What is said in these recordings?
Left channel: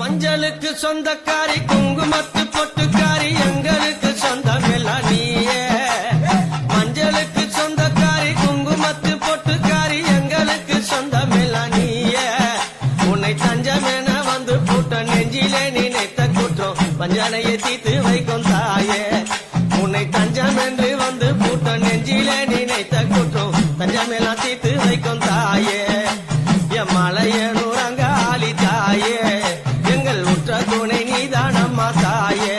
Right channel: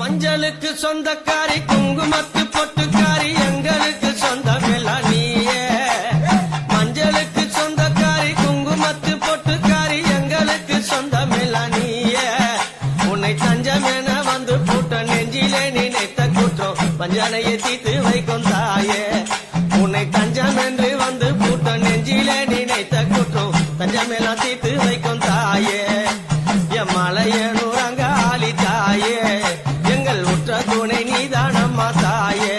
மஞ்சளுக்கு சொந்தக்காரி குங்குமத்து பொட்டுக்காரி எங்களுக்கு சொந்தமெல்லாம் நீயே. மஞ்சளுக்கு சொந்தக்காரி குங்குமத்து பொட்டுக்காரி எங்களுக்கு சொந்தமெல்லாம் நீயே. உன்னை தஞ்சமென வந்து போட்ட நெஞ்சிலே நினைத்த குற்றம் பஞ்சனையை தீத்து வைக்கும் தாயே. உன்னை தஞ்சம் என்று வந்து பூட்ட நெஞ்சிலே நினைத்த குற்றம் தஞ்சமெல்லாம் தீத்து வைக்கும் தாயே. என் மலையனூரங்க ஆலி தாயே, எங்கள் உற்ற துணை நீதானம்மா தாயே.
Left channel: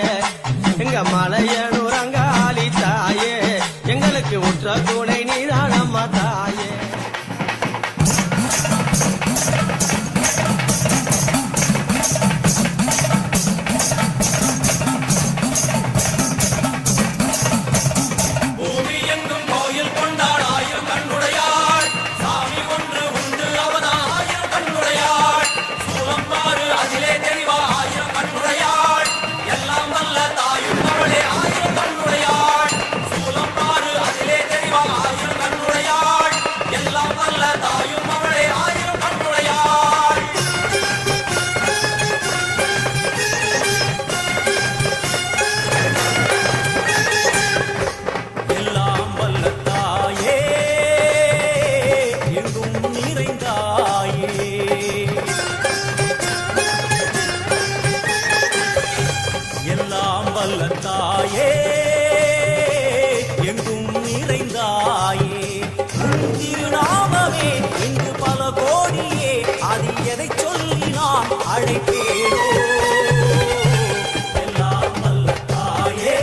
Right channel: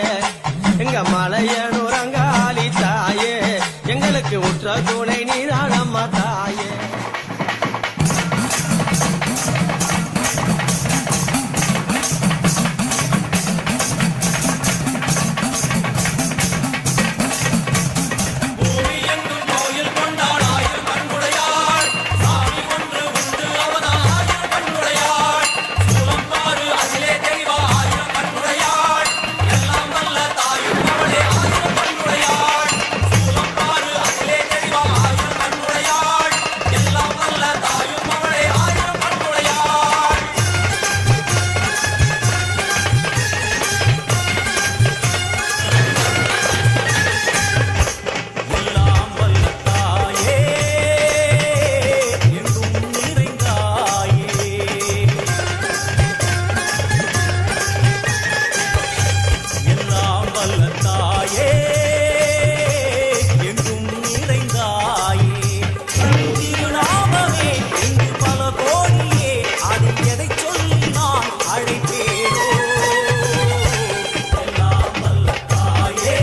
எங்க மலையனூரங்க ஆலி தாயே, எங்களுக்கு உற்ற துணை நீதானம்மா தாயே. எதை சொல்லி நான் அழைப்பேனோ. எல்லாம் வல்ல தாயே,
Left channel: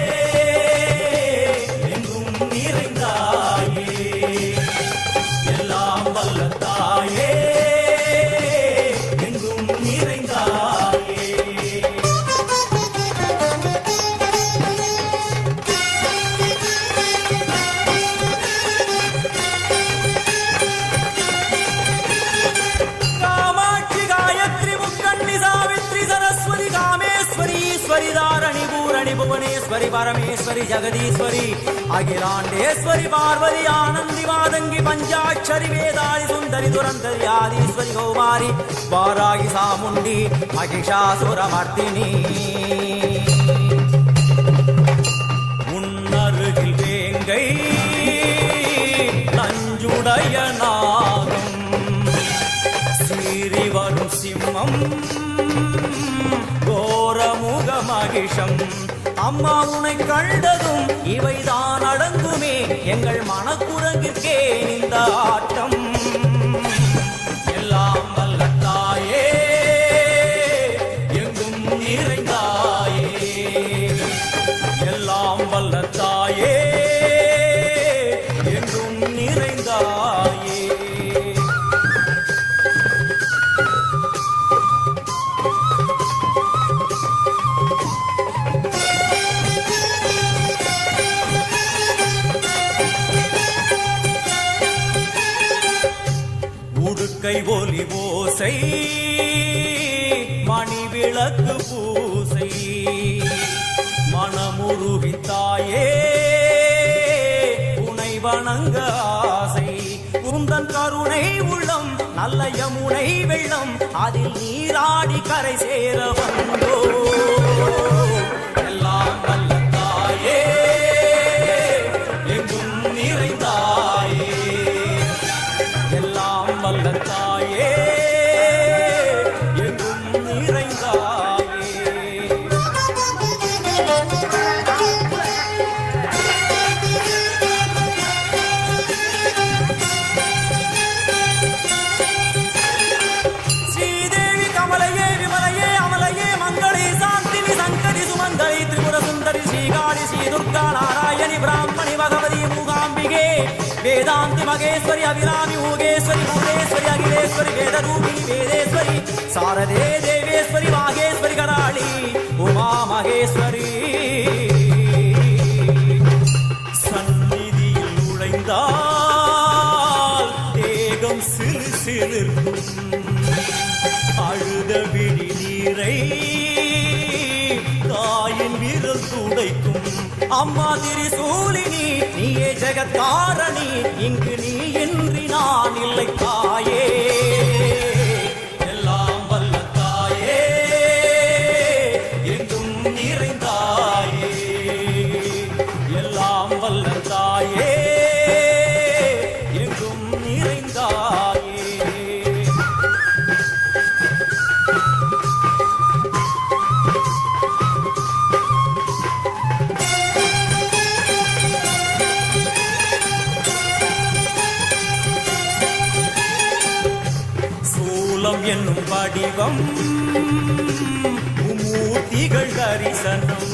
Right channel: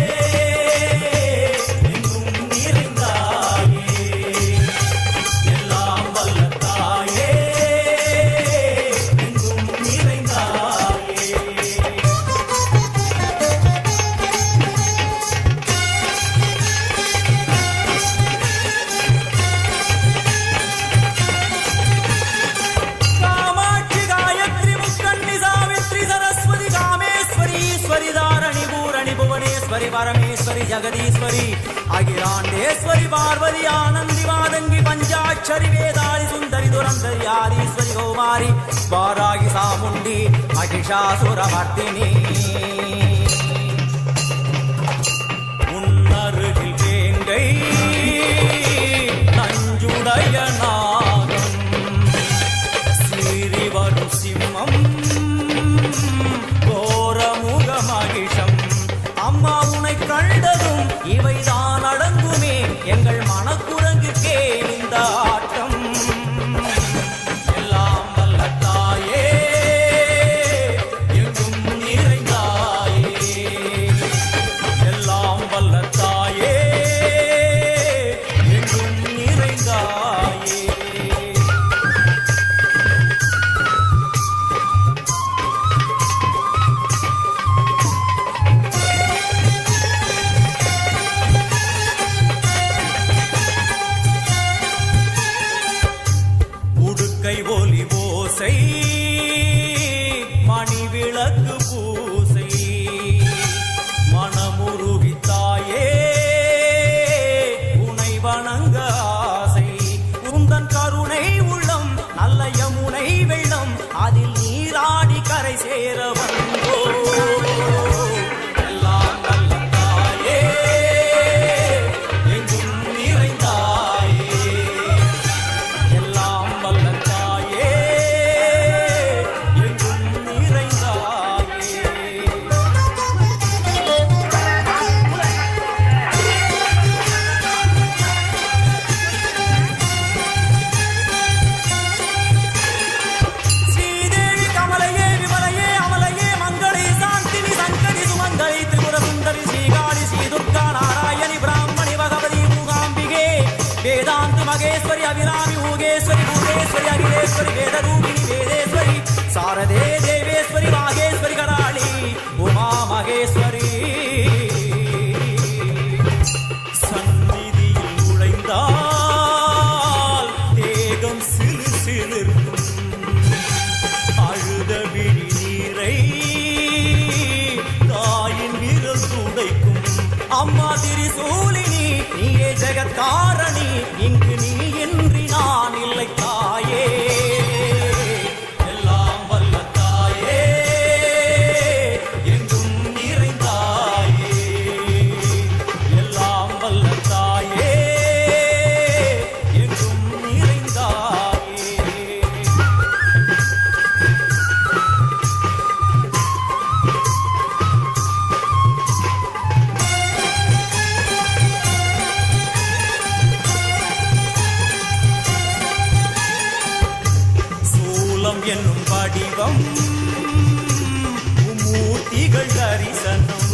எங்கும் நிறைந்தாயே. எல்லாம் வல்ல தாயே, எங்கும் நிறைந்தாயே. தாரணி பூரணி புவனேஸ்வரி பரமேஸ்வரி ஜெகதீஸ்வரி அகிலாண்டேஸ்வரி பார்வதி ஆனந்தி மாதங்கி பஞ்சாட்சரி வேதாளி சுந்தரி துரந்தரி ஆதீஸ்வரி கௌமாரி வாராகி சாமுண்டி மகிஷாசுரமர்த்தினி. உன்னருகில் வேங்கை நஞ்சுடைய நாகம் சீறி வரும் சிம்மம் கோரமுக மகிஷம். அம்மா உனை கண்டதும் இவைதான் அடங்குமே எங்கள் மனக்குரங்குக்கே இந்த ஆட்டம். எல்லாம் வல்ல தாயே, எங்கும் நிறைந்தாயே. எல்லாம் வல்ல தாயே, எங்கும் நிறைந்தாயே. கை ஒலி ஓசை மணி விளக்கு பூசை மனமுருகித்தாயே உனை வணங்க ஆசை. உந்தன் கருணை உள்ளம் நல்ல யமுனை வெள்ளம் அதில் நீராடி கரை சேர வந்தோ. எல்லாம் வல்ல தாயே, எங்கும் நிறைந்தாயே. எல்லாம் வல்ல தாயே, எங்கும் நிறைந்தாயே. ஸ்ரீதேவி கமலையே விமலையே அமலையே மங்களே சாந்தினி சங்கரி சுமங்கலி திரிபுர சுந்தரி ஸ்ரீகாளி ஸ்ரீ துர்கா நாராயணி பிராமணி பகவதி மூகாம்பிகே வேதாந்தி மகேஸ்வரி அபிராமி ஊகேஸ்வரி பூதேஸ்வரி அகிலேஸ்வரி வேதரூபிணி வேதேஸ்வரி சாரதே தேவேஸ்வரி மாகேஸ்வரி கராளி உமா மகேஸ்வரி. சந்நிதியில் நுழைந்தால் தேகம் சிலு சிலிர்க்கும் அழுத விழி நீரை தாயின் விரல் துடைக்கும். அம்மா திரிசூலினி நீயே ஜெகத்காரணி இங்கு நீ இன்றி நான் இல்லை தாயே. எல்லாம் வல்ல தாயே, வடிவம் மூர்த்திகள் தரிசனம்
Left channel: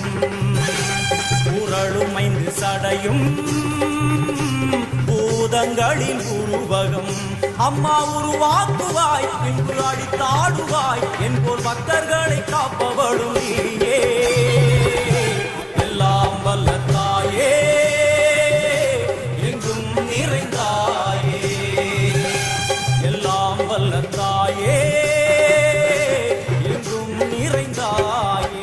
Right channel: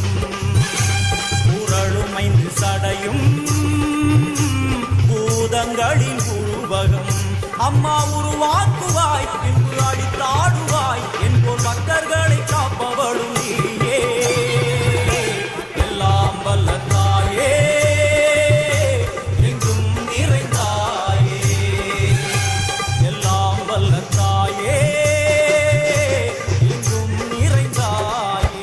உரளுமைந்து சடையும் பூதங்களின் உருவகம் அம்மா உருவாக்குவாய் பின்பு அடித்தாடுவாய் என்போல் பக்தர்களை காப்பவளும் நீயே எல்லாம் வல்ல தாயே எங்கும் நிறைந்தாயே எல்லாம் வல்ல தாயே எங்கும் நிறைந்தாயே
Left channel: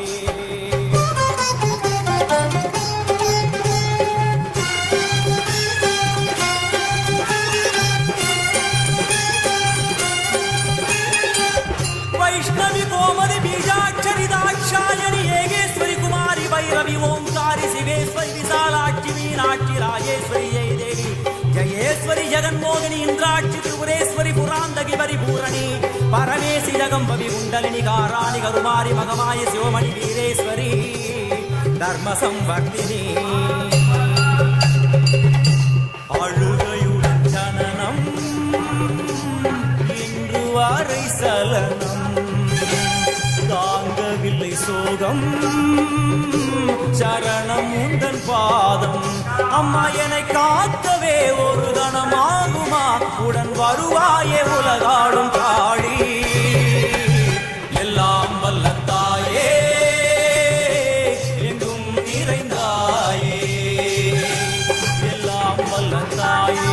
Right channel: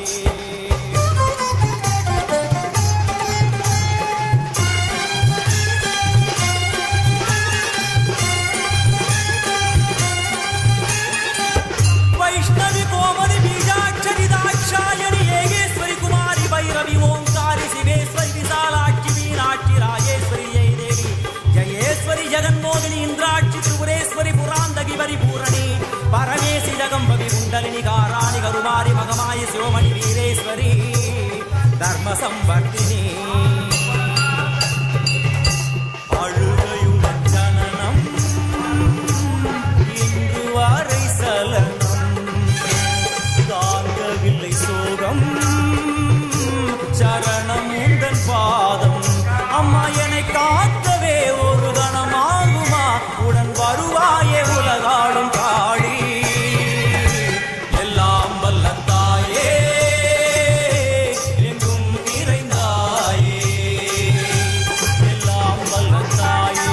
वैष्णवी कोमरी बीजाक्षरी दाक्षायणी येगेश्वरी कुमारी भैरवी ओंकारी शिवेश्वरी विशालाक्षी मीनाक्षी राजेश्वरी जय देवी जयेश्वरी जगन्मोहिनी इंद्राक्षी त्रिपुरेश्वरी पुरांदगी परिपूरणी परमेशि जगंबवी कुंडलिनी काराणि करुमारी मगमायि शिवमणि वीरेश्वरी धर्म संवर्धिनी அழுகையுடன் ஜனனம் இன்று வரை சலனம் தாங்கவில்லை சோகம் சரணம் உந்தன் பாதம் அம்மா என்னை காக்கவே ஒரு கணமாகுமா உடன் வருவாயே உலகாடும் காளி எல்லாம் வல்ல தாயே எங்கும் நிறைந்தாயே எல்லாம் வல்ல தாயே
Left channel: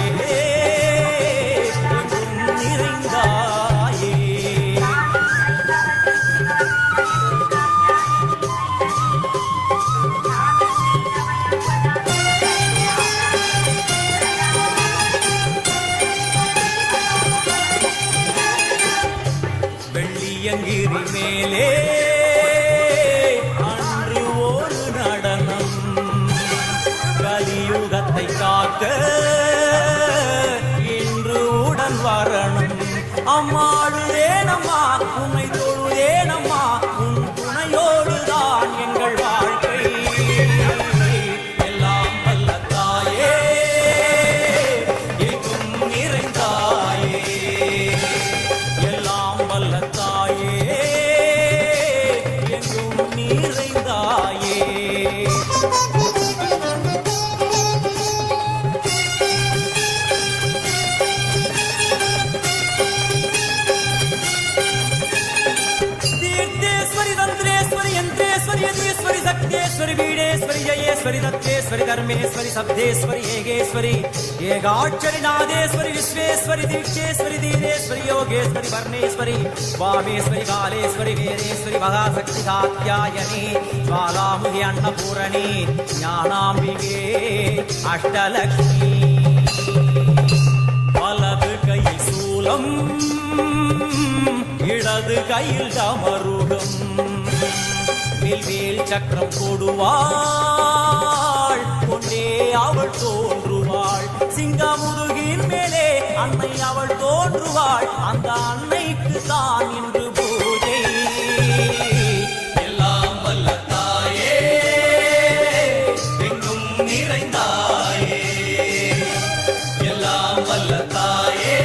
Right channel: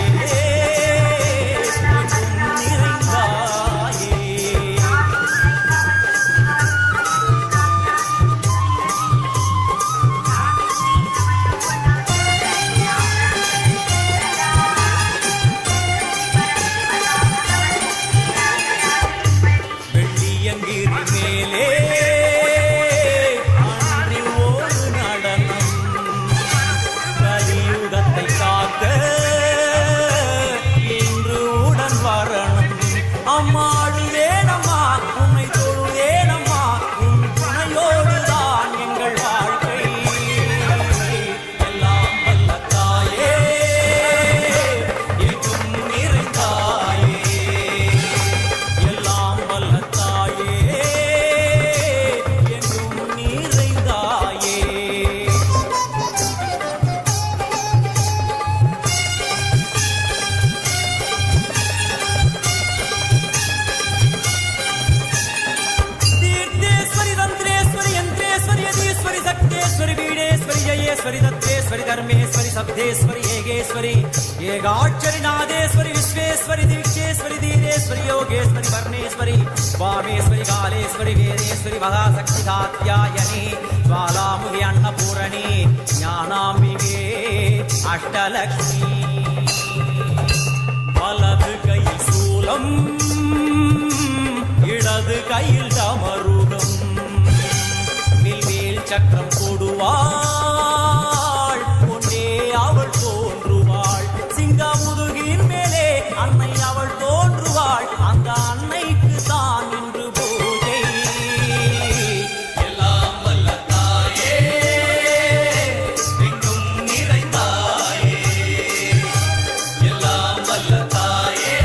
எங்கும் நிறைந்தாயே வெள்ளியங்கிரி மேலே அன்று ஒரு நடனம் கலியுகத்தை காக்க இன்று உடன் வரணும் அம்மாடுதேனம்மா உன்னை தொழுதேனம்மா உன் துணையோடுதான் எங்கள் வாழ்க்கை எல்லாம் வல்ல தாயே எங்கும் நிறைந்தாயே எல்லாம் வல்ல தாயே எங்கும் நிறைந்தாயே तीर्थेश्वरी तंत्रेश्वरी यंत्रेश्वरी यदीश्वरी शक्तेश्वरी वीणेश्वरी जयेश्वरी दत्तेश्वरी धर्मेश्वरी शब्देश्वरी येगेश्वरी येगाक्षरी नादेश्वरी विश्वेश्वरी दीक्षेश्वरी धीरेश्वरी योगेश्वरी वर्णेश्वरी वामेश्वरी कालेश्वरी वीरेश्वरी महाशक्ति कात्यायनी ज्वालामुखी अन्नपूरणी ज्ञानाम्बिके अष्टलक्ष्मी வலது கையில் சூலம் இடது கையில் டமருகம் வில்வேல் சக்கரம் கொடுவாள் கொண்டே அவள் தோன்றுவாள் சிங்கமுதுகின் மேலே அன்னை அவள் தோன்றுவாள் அந்த அன்னைக்கு தான் இன்று பூஜை எல்லாம் வல்ல தாயே எங்கும் நிறைந்தாயே எல்லாம் வல்ல தாயே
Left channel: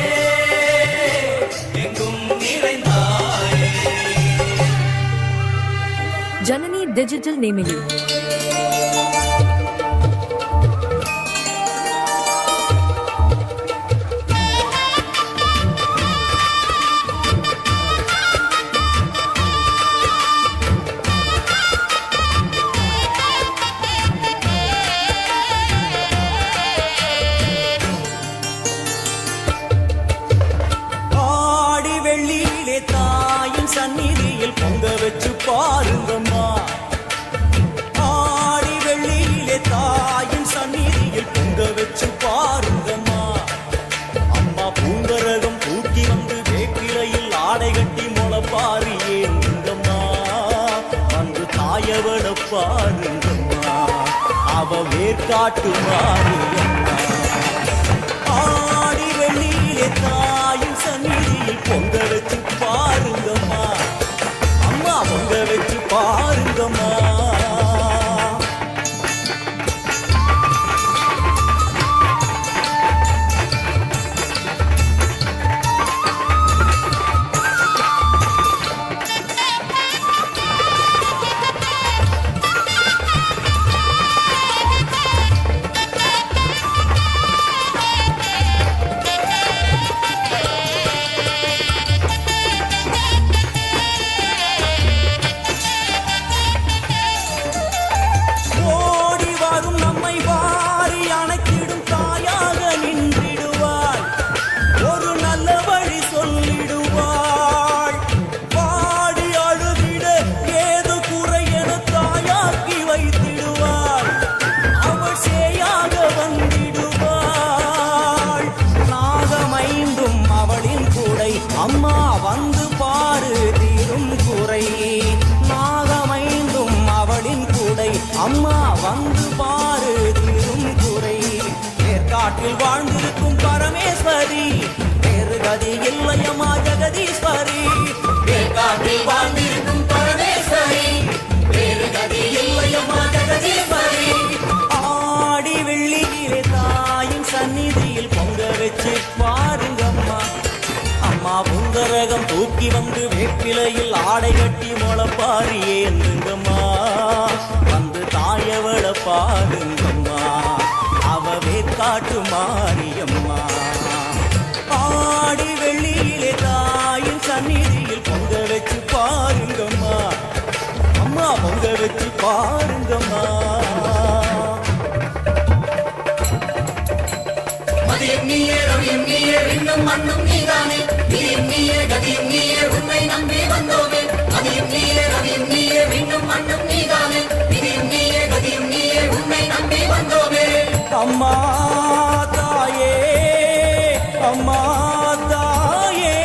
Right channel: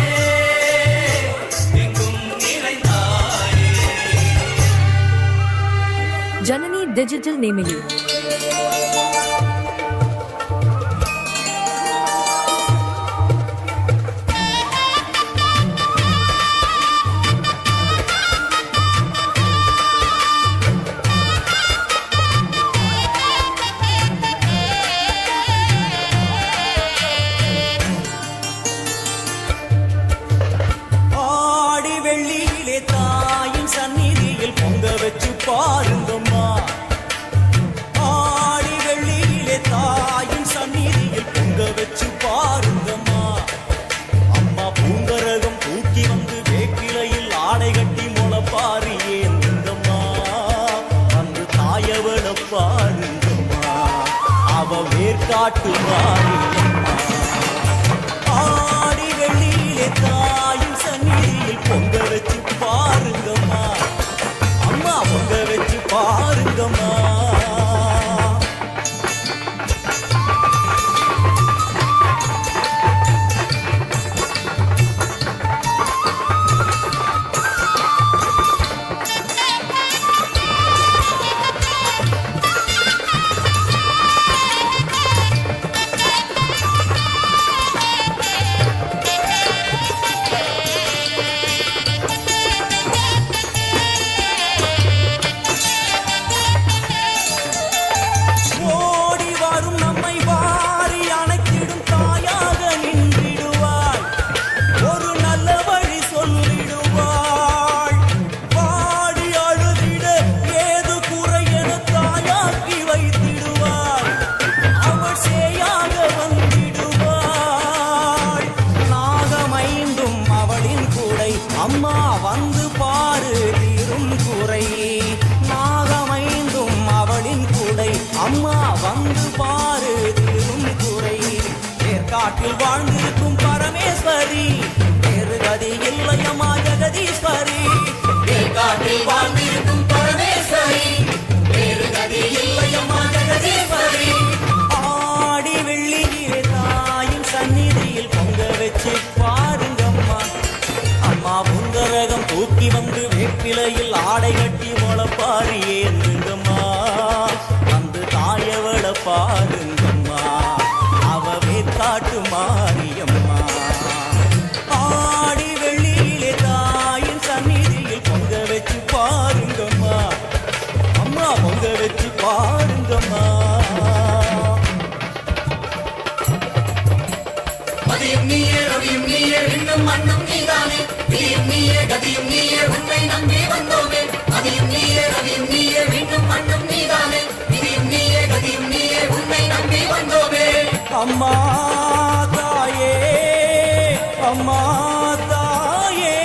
எங்கும் நிறைந்தாயே जननी डिजिटल नेमिली ஆடி வெள்ளியிலே தாயின் சந்நிதியில் பொங்க வச்சு பாருங்கம்மா ஆடி வெள்ளியிலே தாயின் சந்நிதியில் பொங்க வச்சு பாருங்கம்மா அம்மா பூங்கரகம் தூக்கி வந்து வேப்பிலையில் ஆடை கட்டி முளைப்பாரி ஏந்துங்கம்மா வந்து தாயவள பாருங்கம்மா அவ வேர்காட்டு மாரியம்மா ஆடி வெள்ளியிலே தாயின் சந்நிதியில் பொங்க வச்சு பாருங்கம்மா அம்மா பொங்க வச்சு பாருங்கம்மா குறை நாகமைந்தும் அவளின் குடை அம்மா வந்து பாரு தீரும் குறை ஏற்காட்டில் வாழ்ந்திருக்கும் பரமேஸ்வரி வேறு கதி இல்லையம்மா ஜெகதீஸ்வரி ஏற்காட்டில் வாழ்ந்திருக்கும் பரமேஸ்வரி வேறு கதி இல்லையம்மா ஜெகதீஸ்வரி ஆடி வெள்ளியிலே தாயின் சந்நிதியில் பொங்க வச்சு பாருங்கம்மா அம்மா புங்கரகம் தூக்கி வந்து வேப்பிலையில் ஆடை கட்டி முளப்பாரி ஏந்துங்கம்மா வந்து தாயவள பாருங்கம்மா அவ வேற்காட்டு மாரியம்மா ஆடி வெள்ளியிலே தாயின் சந்நிதியில் பொங்க வச்சு பாருங்கம்மா அம்மா பொங்க வச்சு பாருங்கம்மா மதியும் நீயே ரவியும் நீயே விண்ணும் மண்ணும் நீதானே விதியும் நீயே கதியும் நீயே உன்னை நம்பி வந்தோமே மதியும் நீயே ரவியும் நீயே விண்ணும் மண்ணும் நீதானே விதியும் நீயே கதியும் நீயே உன்னை நம்பி வந்தோமே அம்மா தாயே அம்மா தாயே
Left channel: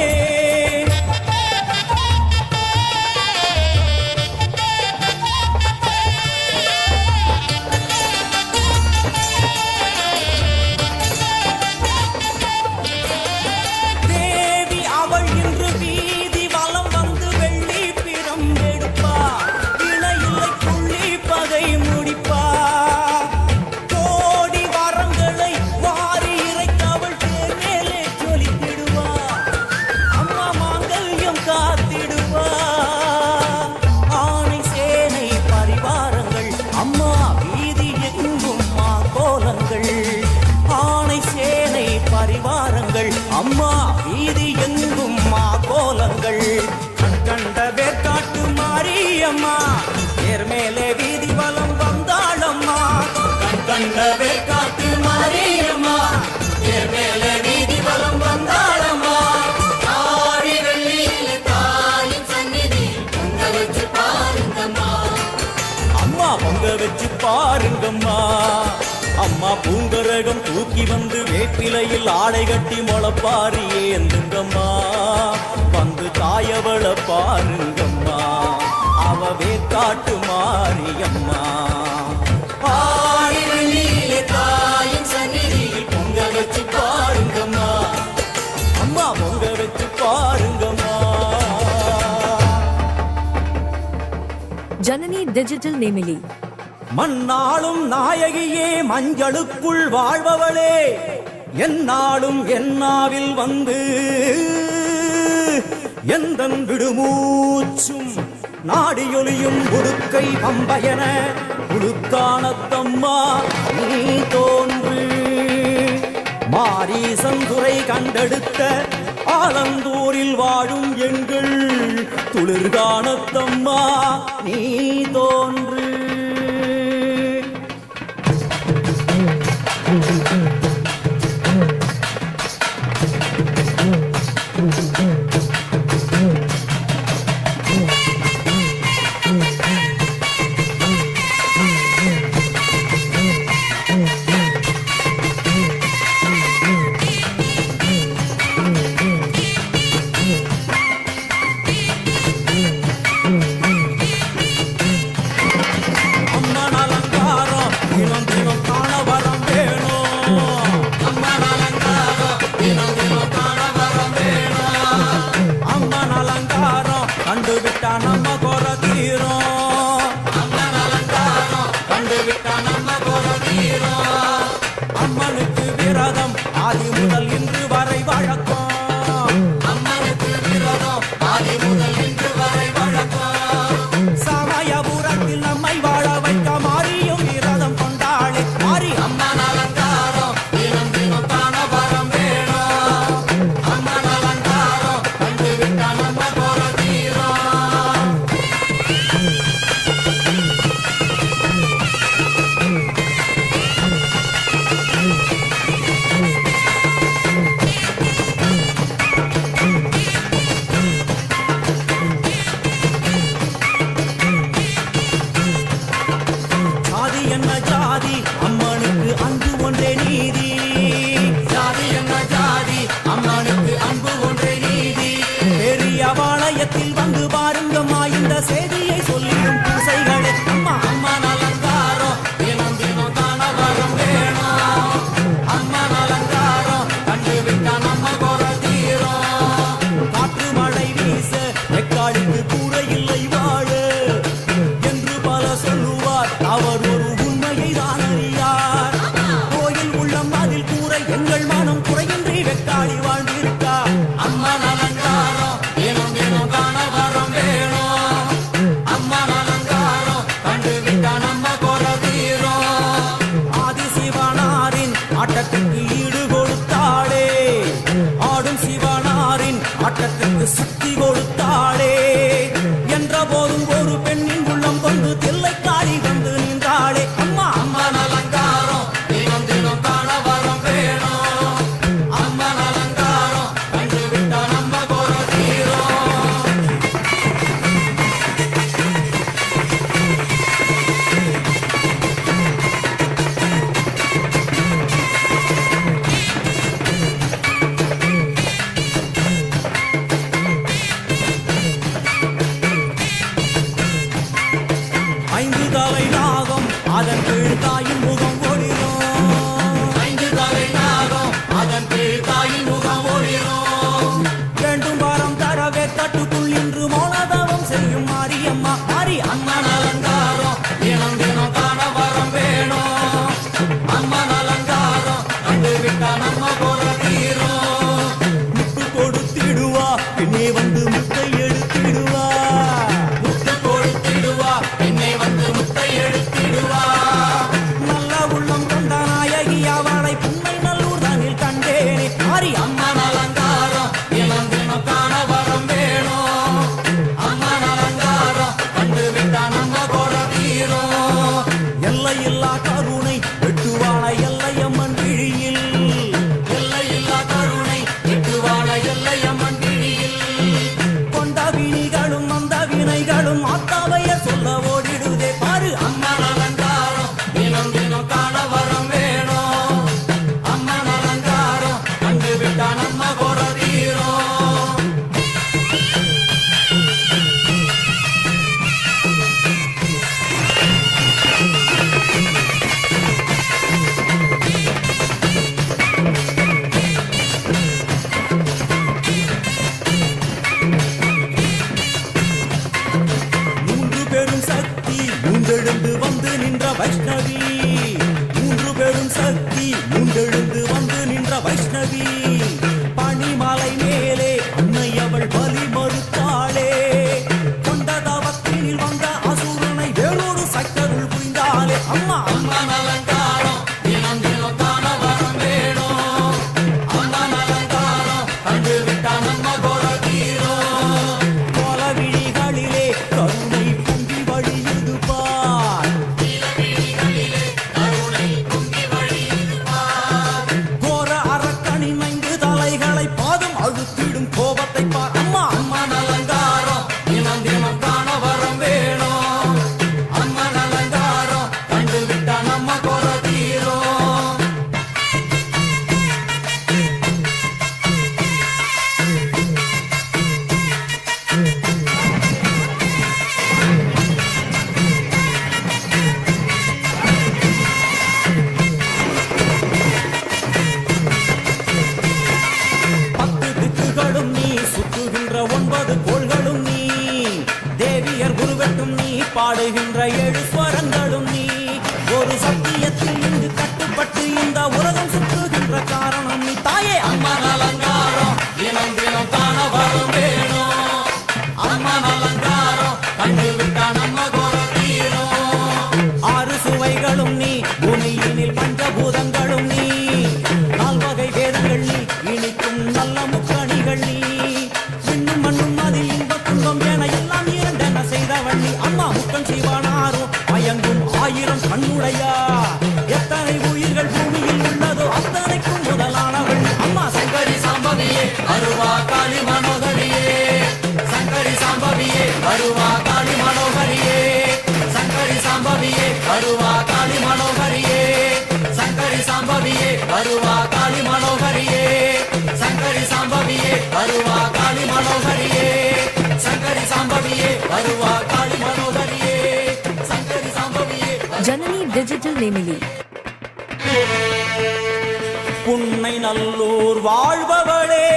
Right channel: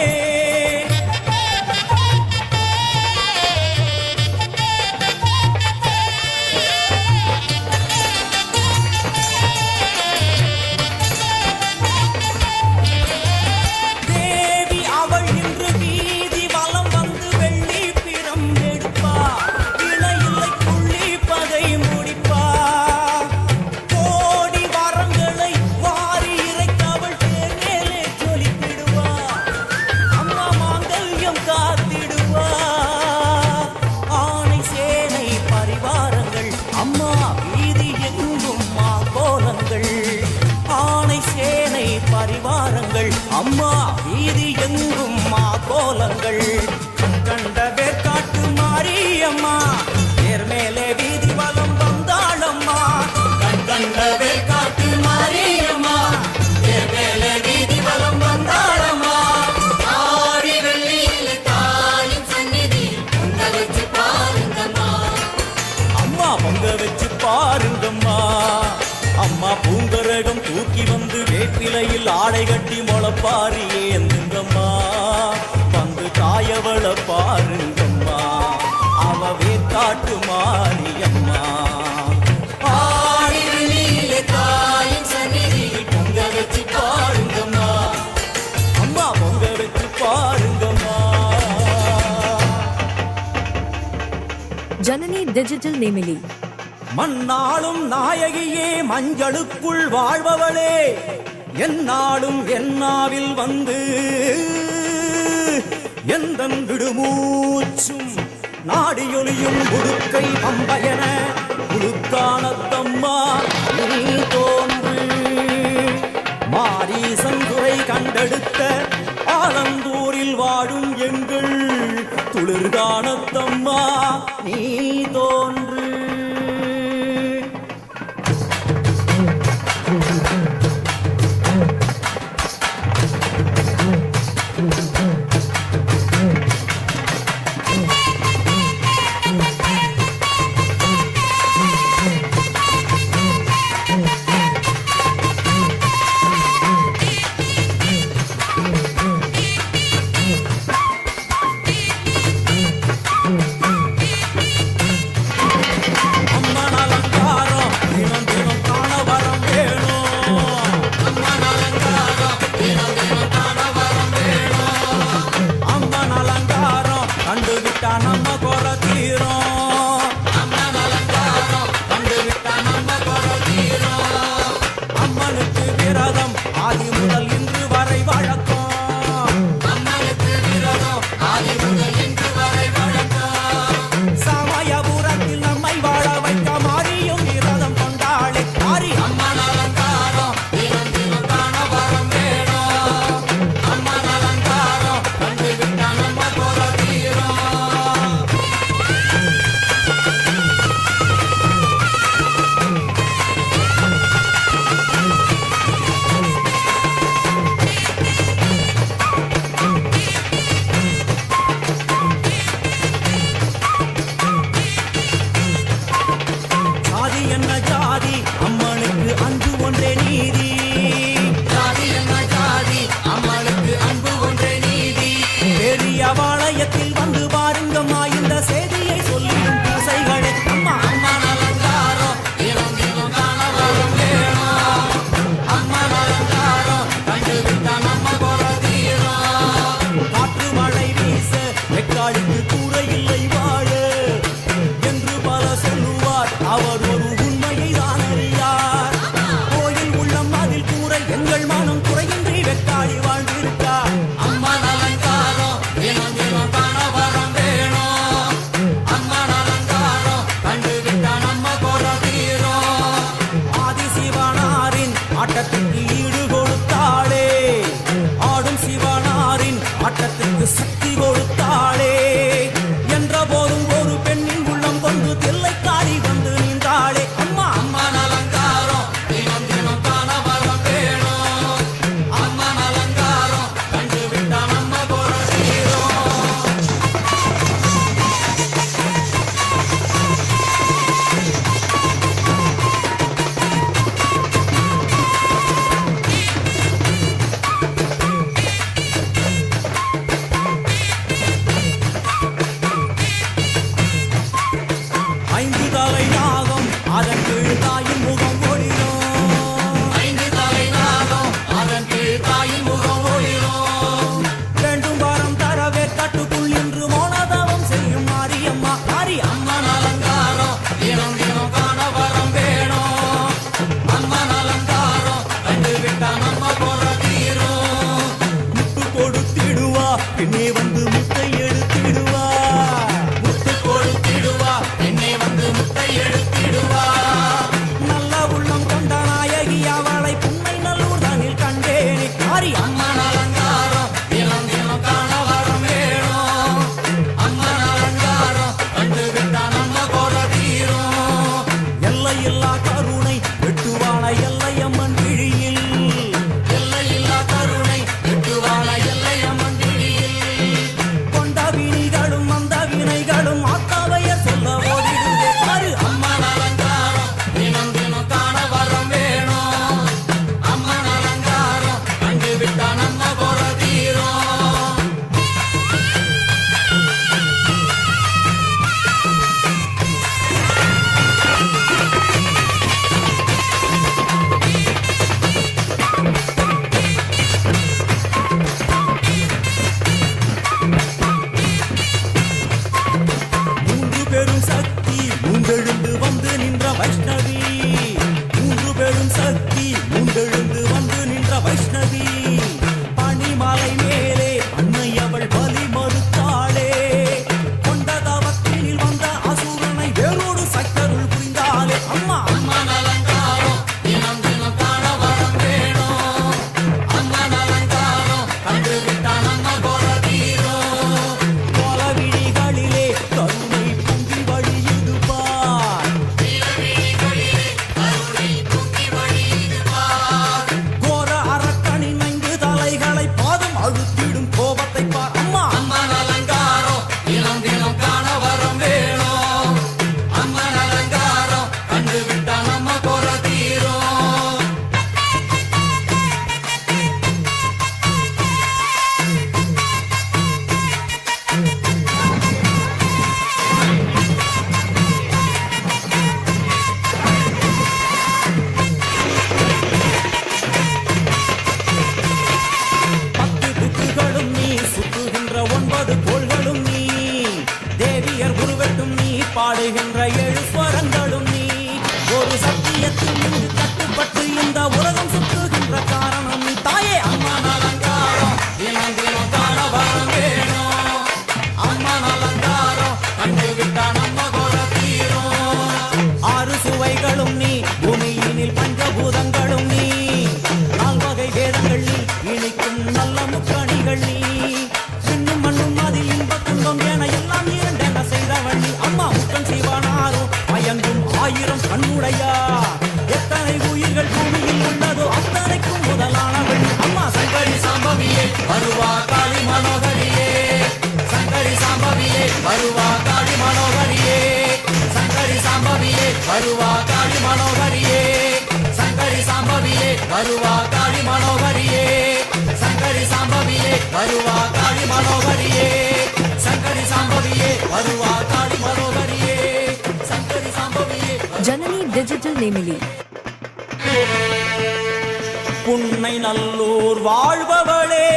தேவி அவள் இன்று வீதி வலம் வந்து வெள்ளி பிரம்பெடுப்பா இணையில்லை புள்ளி பகை முடிப்பா கோடி வரங்களை வாரி இறைத்தவள் தேர் மேலே ஜொலித்திடுவா அம்மா மாங்கல்யம் காத்திடுவா ஆனை சேனை பரிவாரங்கள் அம்மா வீதி எங்கும் மாங்கோலங்கள் ஆனை சேனை பரிவாரங்கள் அம்மா வீதி எங்கும் மாகோலங்கள் கண்கண்ட வேற்காட்டு மாரியம்மா தேர் மேலே வீதி வலம் வந்தாளம்மா கண்கண்ட வேற்காட்டு மாரியம்மா தேர் மேலே வீதி வலம் வந்தாளம்மா ஆடி வெள்ளியிலே தாயின் சந்நிதியில் பொங்க வச்சு பாருங்கம்மா அம்மா பொங்க வச்சு பாருங்கம்மா அம்மா பூங்கரகம் தூக்கி வந்து வேப்பிலையில் ஆடை கட்டி முளப்பாரி ஏந்துங்கம்மா வந்து தாயவள பாருங்கம்மா அவ வேற்காட்டு மாரியம்மா ஆடி வெள்ளியிலே தாயின் சந்நிதியில் பொங்க வச்சு பாருங்கம்மா அம்மா பொங்க வச்சு பாருங்கம்மா ஜனனி டிஜிட்டல் நேமிலி மண்ணாளும் நாயகியே மஞ்சளுக்குள் வாழ்பவளே என்னாலும் என்னாவில் வந்து எந்தன் விடுமூச்சும் நாடியொலியும் உடுக்கை பம்பயன உடுக்கானத்தம்மா நீ தோன்று மாரீசன் துறை கண்டெடுத்த ஆலந்தூரில் வாழும் எங்கள் துளிர்கானத்தம்மா நீ தோன்று அம்மன் அலங்காரம் தினம் தினம் காண வரம் வேணும் அம்மன் அலங்காரம் தினம் தினம் காண வரம் வேணும் அம்மன் அலங்காரம் கண்டுவிட்டா நம்ம குறை தீரும் அம்மன் அலங்காரம் கண்டுவிட்டா நம்ம குறை தீரும் அம்மனுக்கு விரதம் ஆதி முதல் இன்று வரை வழக்கம் அம்மனுக்கு விரதம் ஆதி முதல் இன்று வரை வழக்கம் சமயபுரத்தில் நம்மை வாழ வைக்க மாறியும் விரதம் கொண்டாளே மாறி அம்மன் அலங்காரம் தினம் தினம் காண வரம் வேணும் அம்மன் அலங்காரம் கண்டுவிட்ட நம்ம போற தீரும் ஜாதி என்ன ஜாதி அம்மனுக்கு அன்பு ஒன்றே நீதி ஜாதி என்ன ஜாதி அம்மனுக்கு அன்பு ஒன்றே நீதி பெரிய பாளையத்தில் வந்து பாருங்கம்மா அதன் கீழ் தாயின் முகம் ஒளிரும் 5 தலை நாகம் அதன் கீழ் தாயின் முகம் ஒளிரும் வேண்டும் வரம் தரவே கட்டுக்குள் இன்று மோனதவம் செய்யும் மாரியம்மா மாரி அம்மன் அலங்காரம் தினம் தினம் காண வரம் வேணும் அம்மன் அலங்காரம் கண்டு விட்டா நம்ம போற தீரும் முட்டு கொடுத்திடுவா பின்னே வந்து முட்டை எடுத்திடுவா முட்டு கொடுத்திடுவா என்னை வந்து முட்டை எடுத்திடுவா நல்ல உள்ளம் கொண்ட நாயகி அவளை புன்னை நல்லூர் தானில் கண்டேனே மாரி அம்மன் அலங்காரம் தினம் தினம் காண வரம் வேணும் அம்மன் அலங்காரம் கண்டு விட்டா நம்ம கோர தீரும் எல்லையில்லா கருணை வெட்டுவான எல்லையம்மன் விழியில் எல்லையில்லா கருணை வெட்டுவான எல்லையம்மன் விழியில் கொண்ட வினிகளும் அந்த வினைகளும் அத்தாவையர் சொல்ல ஓடிடுதே பாரு அம்மன் அலங்காரம் தினம் தினம் காண வரம் வேணும் அம்மன் அலங்காரம் கண்டு விட்டா நம்ம கோர தீரும் மூன்று பெரும் சக்தி மூண்டெழுந்து வந்து நின்ற வைஷ்ணவி மூன்று பெரும் சக்தி மூண்டெழுந்து வந்து நின்ற வைஷ்ணவி பனிமலை மேலே அன்னை அவள் பலி மறுத்தாளே கொண்ட தவத்தினில் வந்த அசுரனை வேரோடு சக்கருள் புரிந்தாளே அம்மா அம்மன் அலங்காரம் தினம் தினம் காண வரம் வேணும் அம்மன் அலங்காரம் கண்டு விட்டா நம்ம கோர தீரும் கோல விழிகளிலே கருணை பொங்கி வழியுது பார் கோர அரக்கனின் 5 தலைகளை பாதம் அழுத்திடும் கோபத்தை பார் அம்மா அம்மன் அலங்காரம் தினம் தினம் காண வரம் வேணும் அம்மன் அலங்காரம் கண்டு விட்டா நம்ம கோர தீரும் பத்து திக்குகளும் நீ சுற்றுகின்ற 9 கோள்களும் நீ தேவியர் உருவெட்டும் நீ பாடுகின்ற 7 ஸ்வரங்களும் நீ ஒரு சத்தியத்தில் இங்கு கட்டுப்பட்டு இந்த உலகம் சுற்றுகின்ற காரணம் நீ தாயே அம்மன் அலங்காரம் தினம் தினம் காண வரம் வேணும் அம்மன் அலங்காரம் கண்டு விட்டா நம்ம கோர தீரும் 6 சுவைகளும் நீ பூமியினில் பஞ்சபூதங்களும் நீ 4 வகை வேதங்கள் நீ இனிக்கும் நல்ல முக்கணிகள் நீ விண்ணும் மண்ணும் அதில் இன்ப துன்பம் என எல்லாம் இரண்டென செய்தவள் நீ அம்மா முக்கன் சிவனாரும் மயங்கும் 1000 கண்ணுடையா எத்தனை உயிர்கள் பூமியில் உள்ளதோ அத்தனைக்கும் முதலானவள் நீ அம்மா சங்கரி சாம்பவியே வருவா காளி மனோகரியே சங்கரி சாம்பவியே வருவா காளி மனோகரியே சங்கரி சாம்பவியே வருவா காளி மனோகரியே சங்கரி சாம்பவியே வருவா காளி மனோகரியே சங்கரி சாம்பவியே வருவா காளி மனோகரியே சங்கரி சாம்பவியே வருவா காளி மனோகரியே சங்கரி சாம்பவியே ஜனனி டிஜிட்டல் நேமிலி புன்னை நல்லூர் வாழ்பவளே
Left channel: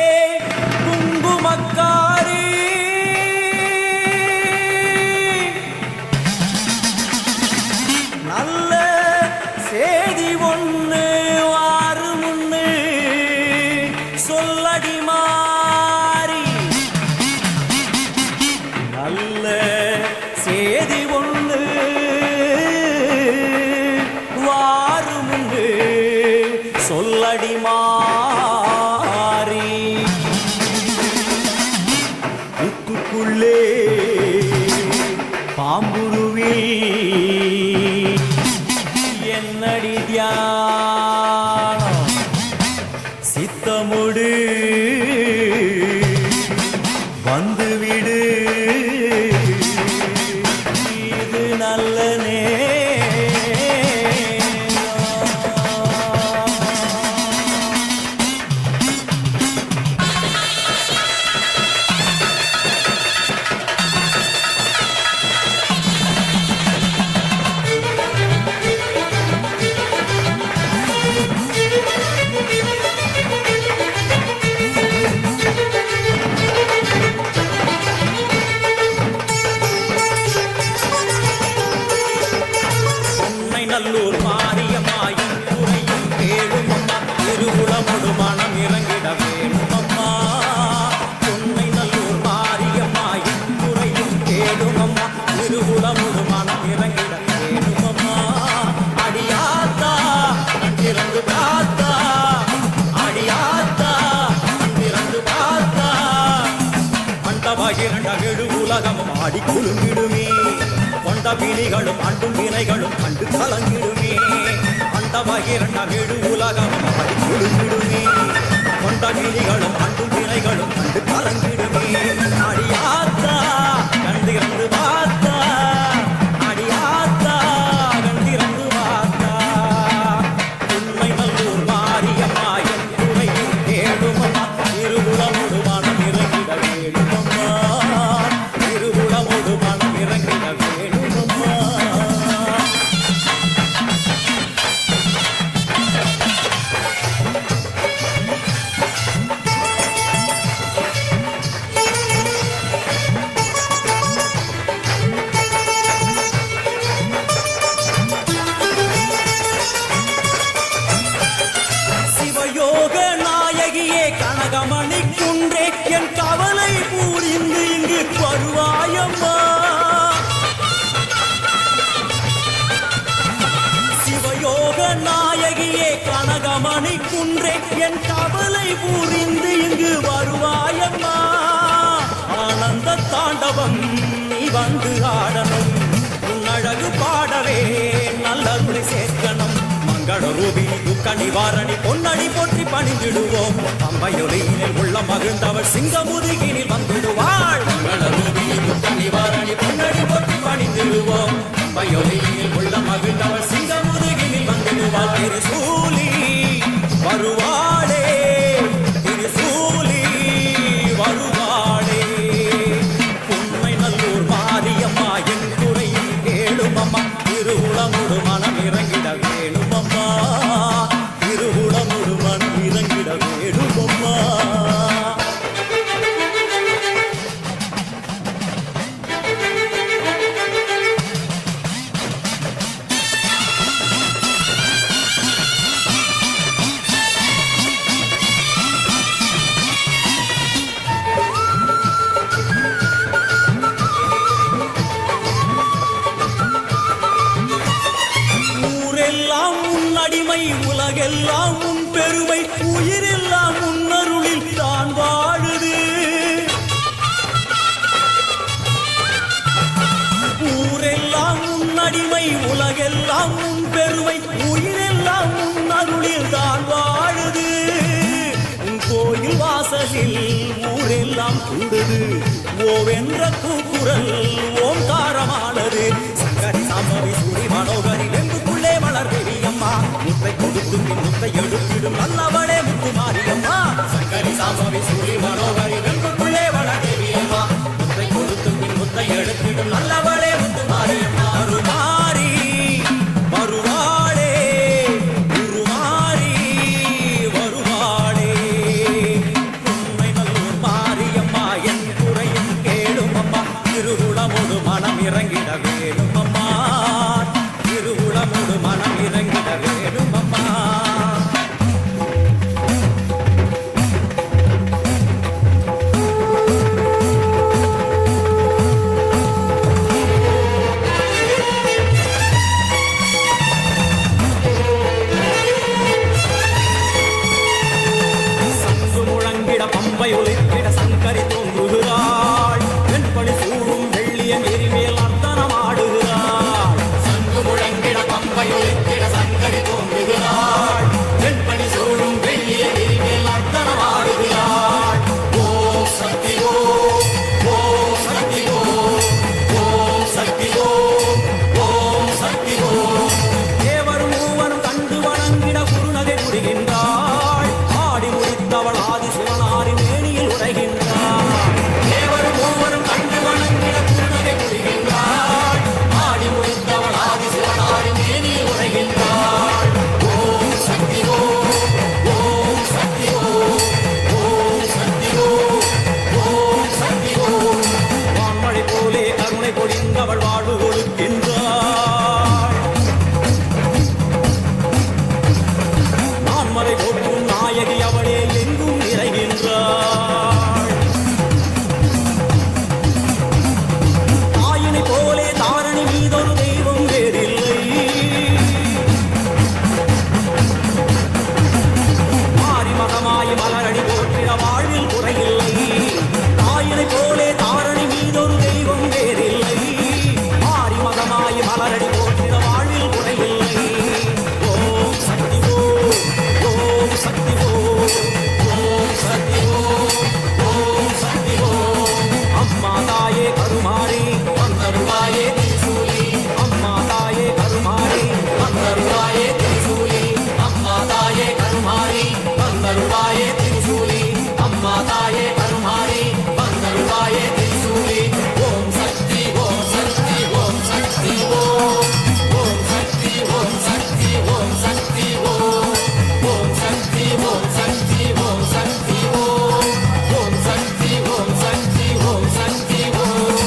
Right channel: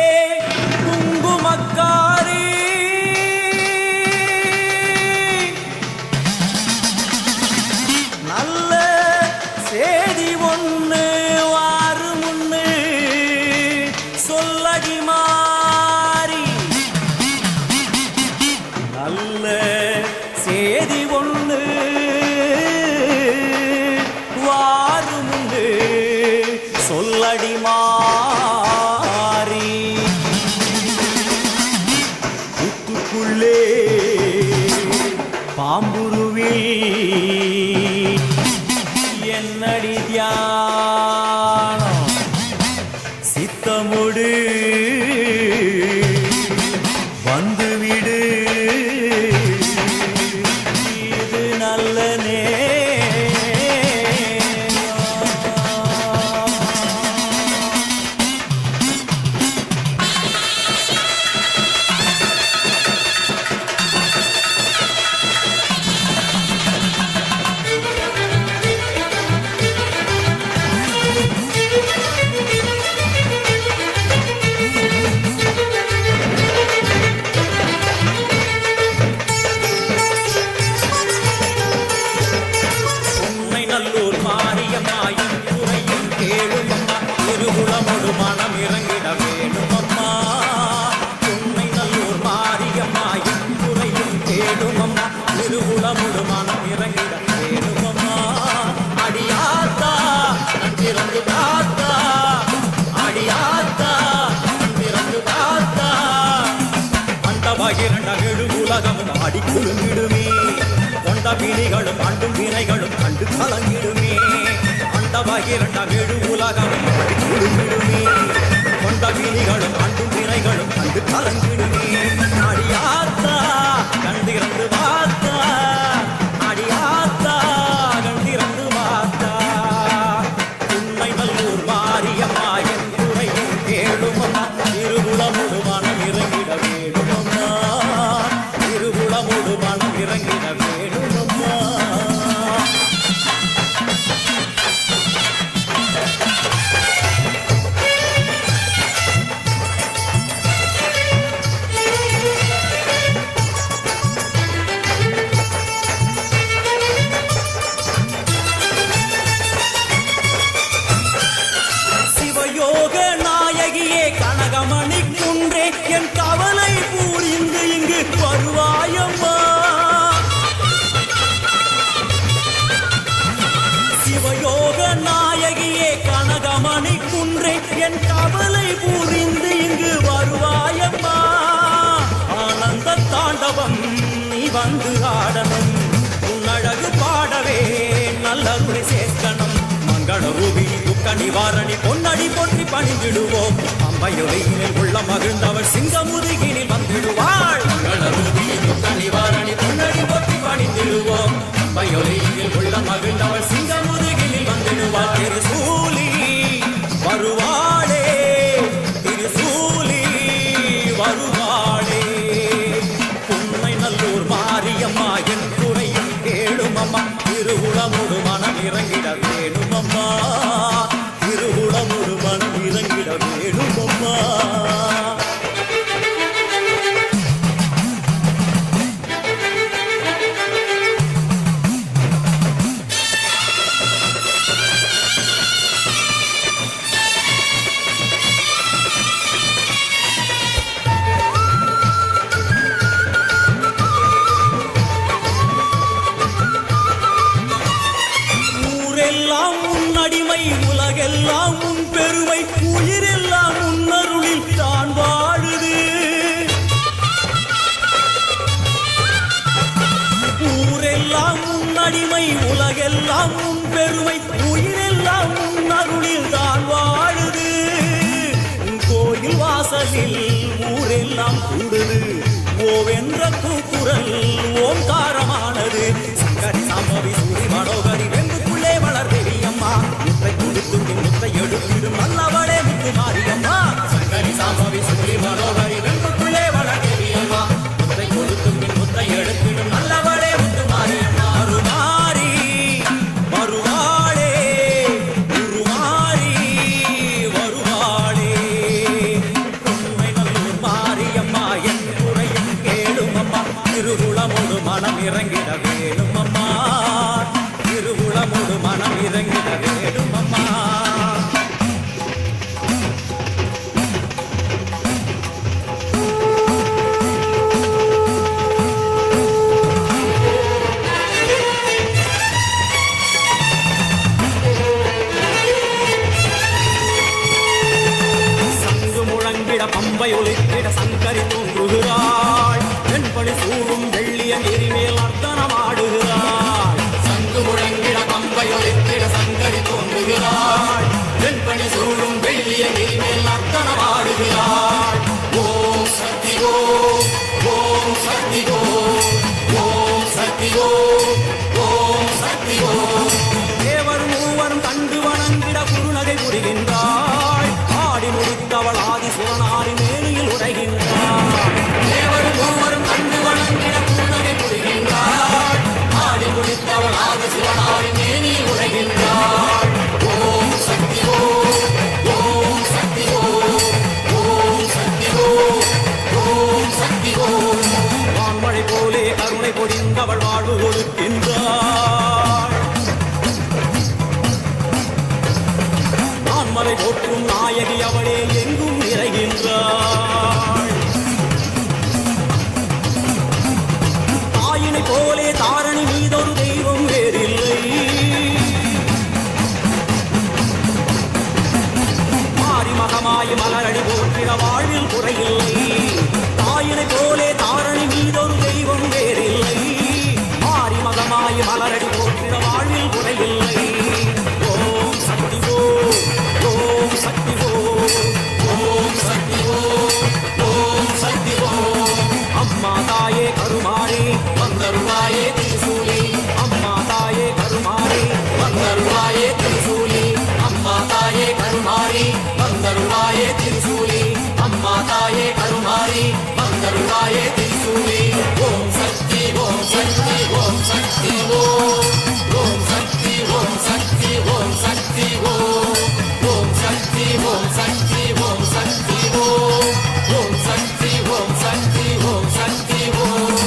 குங்குமக்காரி நல்ல சேதி ஒண்ணு வாரு முன்னு சொல்லடி மாறி நல்ல சேதி ஒண்ணு வாரு முன்னு சொல்லடி மாறி புத்துக்குள்ளே பாம்புருவில் என்னடி தியானம் சித்தமுடு வந்துவிடு இது நல்ல நேரம் நல்லூர் மாரியம்மாயின் குறையும் கேளும் அம்மா திருவுளமொடு மனம் இறங்கிட வேணும் அம்மா உன்னை நல்லூர் மாரியம்மாயின் குறையும் கேளும் அம்மா திருவுளமொடு மனம் இறங்கிட வேணும் அம்மா அடியாத்தா கண் திறந்து பார்த்தா அடியாத்தா கண் திறந்து பார்த்தா அந்த பகிரண்ட கெடு உலகமும் ஆடி குலுங்கிடுமே கொண்ட வினிகளும் அண்டும் வினைகளும் கண்டு கலங்கிடுமே அந்த பகிரண்ட கெடு உலகமும் ஆடி குலுங்கிடுமே கொண்ட வினிகளும் அண்டும் வினைகளும் கண்டு கலங்கிடுமே அடியாத்தா கண் திறந்து பார்த்தா அடியாத்தா கண் திறந்து பார்த்தா உண்மை நல்லூர் மாரியம்மா என் குறையும் கேளுமம்மா திருவுளமொடு மனம் இறங்கிட வேணுமம்மா திருவுளமொடு மனம் இறங்கிட வேணுமம்மா சிவயோக நாயகியே கனகமணி குன்றே என் கவலை பூரிந்து இங்கு வருவாயம்மா சிவயோக நாயகியே கனகமணி குன்றே என் கவலை பூரிந்து இங்கு வருவாயம்மா ஆனந்த தாண்டவம் நீ வந்து ஆடணும் உன் அழகு பாடவே நல்லருளை சேர்க்கணும் மங்கள ரூபினி துக்க நிவாரணி பொன்னடி போற்றி பணிந்திடுவோம் அம்பையொலியினில் உள்ள மகிழ்ந்தவர் சிங்கமுதுகினில் வந்திடுவாள் மங்கள ரூபினி துக்க நிவாரணி பொன்னடி போற்றி பணிந்திடுவோம் அம்பையொலியினில் உள்ள மகிழ்ந்தவர் சிங்கமுதுகினில் வந்திடுவாள் திருசூலி வருவாளே திருசூலி வருவாளே உண்மை நல்லூர் மாரியம்மா என் குறையும் கேளுமம்மா திருவுளமொடு மனம் இறங்கிட வேணுமம்மா திருவுளமொடு மனம் இறங்கிட வேணுமம்மா ஊரெல்லாம் உன் அடிமை உலகெல்லாம் உன் பெருமை உயிரெல்லாம் உன் அருளில் தான் வாழுது ஊரெல்லாம் உன் அடிமை உலகெல்லாம் உன் பெருமை உயிரெல்லாம் உன் அருளில் தான் வாழுது உன் கோயில் வாசலில் ஊரெல்லாம் கூடுது ஓவென்ற கூக்குரல் ஓம்காரமானது சங்கரி சாம்பவி சூரி மனோகரி வெம்புக்குள்ளே வளர்தேவி அம்மா முத்தை கொடுத்து பின் முத்தை எடுத்திடும் நல்லவளே முத்து மாரியம்மா சங்கரி சாம்பவி சூரி மனோகரி வெம்புக்குள்ளே வளர்தேவி அம்மா முத்தை கொடுத்து பின் முத்தை எடுத்திடும் நல்லவளே முத்து மாரியம்மா அருமாரி வருவாளே உருமாறி வருவாளே உண்மை நல்லூர் மாரியம்மா என் குறையும் கேளுமம்மா திருவுளமொடு மனம் இறங்கிட வேணுமம்மா திருவுளமொடு மனம் இறங்கிட வேணுமம்மா சங்கு முழங்கிட பம்பை ஒலித்திட சங்கரி தோன்றுகிறாள் வெண்பணி சூடும் வெள்ளிய நெறிமேல் அர்த்தனமாடுகிறாள் சங்கு முழங்கிட பம்பை ஒலித்திட சங்கரி தோன்றுகிறாள் தாரணி மீதொரு தெய்வம் வேறில்லை. மாறி மகமாய் மலரடி போற்றிட வாழ்வில் குறையில்லை. தாயினை போலே தாரணி மீதொரு தெய்வம் வேறில்லை. மாறி மகமாய் மலரடி போற்றிட வாழ்வில் குறையில்லை. ஓம் சக்தி ஓம், ஓம் சக்தி ஓம், ஓம் சக்தி ஓம், ஓம் சக்தி ஓம். அம்மா தாயே கருமாரி வந்தருளாயே திரிசூலி. அம்மா தாயே கருமாரி வந்தருளாயே திரிசூலி. அம்மா தாயே கருமாரி வந்தருளாயே திரிசூலி. அம்மா தாயே கருமாரி வந்தருளாயே திரிசூலி. ஓம் சக்தி ஓம் சக்தி ஓம் சக்தி ஓம், ஓம் சக்தி ஓம் சக்தி ஓம் சக்தி ஓம், ஓம் சக்தி ஓம் சக்தி ஓம் சக்தி ஓம், ஓம் சக்தி ஓம் சக்தி ஓம் சக்தி ஓம்,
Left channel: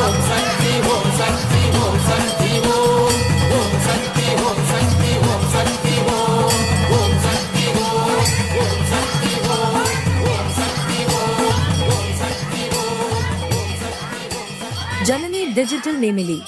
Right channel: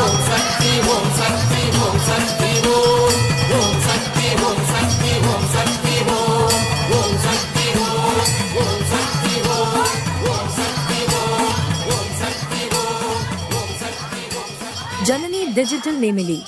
ஓம் சக்தி ஓம் சக்தி ஓம் சக்தி ஓம், ஓம் சக்தி ஓம் சக்தி ஓம் சக்தி ஓம், ஓம் சக்தி ஓம், ஓம் சக்தி ஓம், ஓம் சக்தி ஓம், ஓம் சக்தி ஓம், ஓம் சக்தி ஓம். ஜனனி டிஜிட்டல் நேமிலி.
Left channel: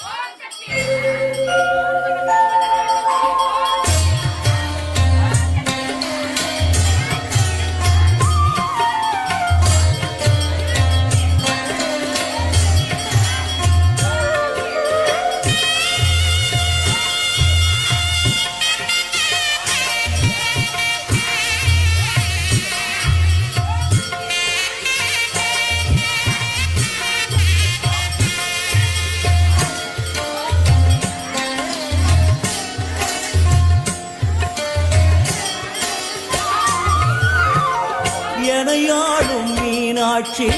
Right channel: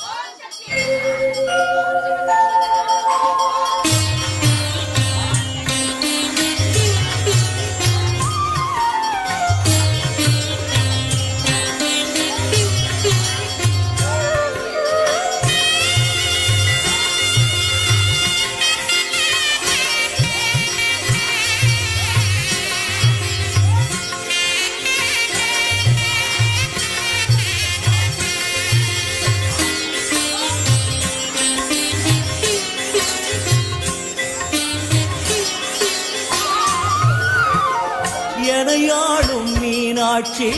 எனையாளும் மீனாட்சி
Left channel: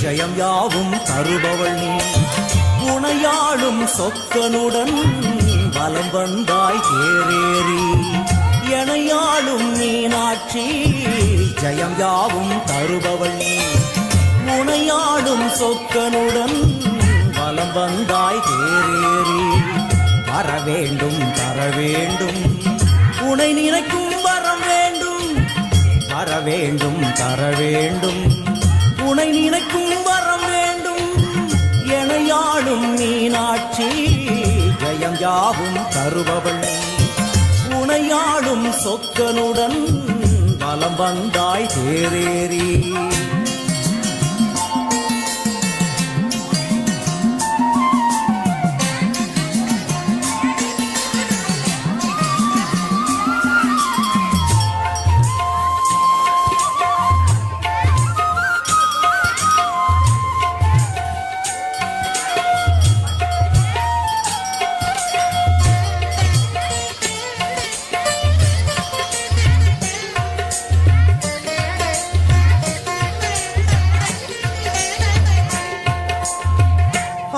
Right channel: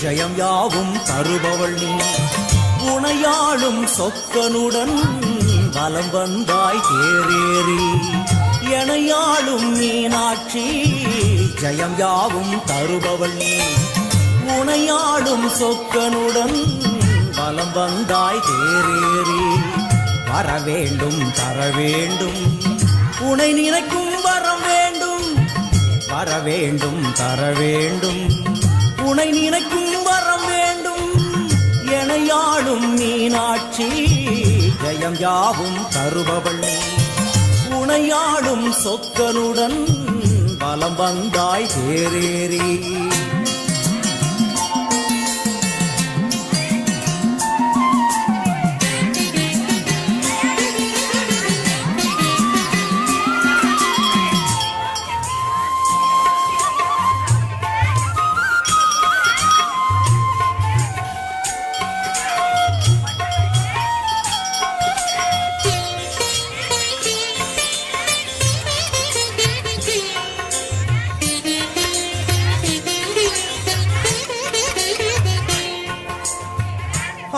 ஜெயம் யாவும் தருபவள் நீ. உனையாளும் சொக்கனுடன் வலம் வந்தாய் தேரேறி. எனையாளும் மீனாட்சி ஜெயம் யாவும் தருபவள் நீ. உனையாளும் சொக்கனுடன் வலம் வந்தாய் தேரேறி. வர வேண்டும் தர வேண்டும் உனை நினைக்கும் வரம் வேண்டும். வர வேண்டும் தர வேண்டும் உனை நினைக்கும் வரம் வேண்டும். எனையாளும் மீனாட்சி ஜெயம் யாவும் தருபவள் நீ. உனையாளும் சொக்கனுடன் வலம் வந்தாய் தேரேறி.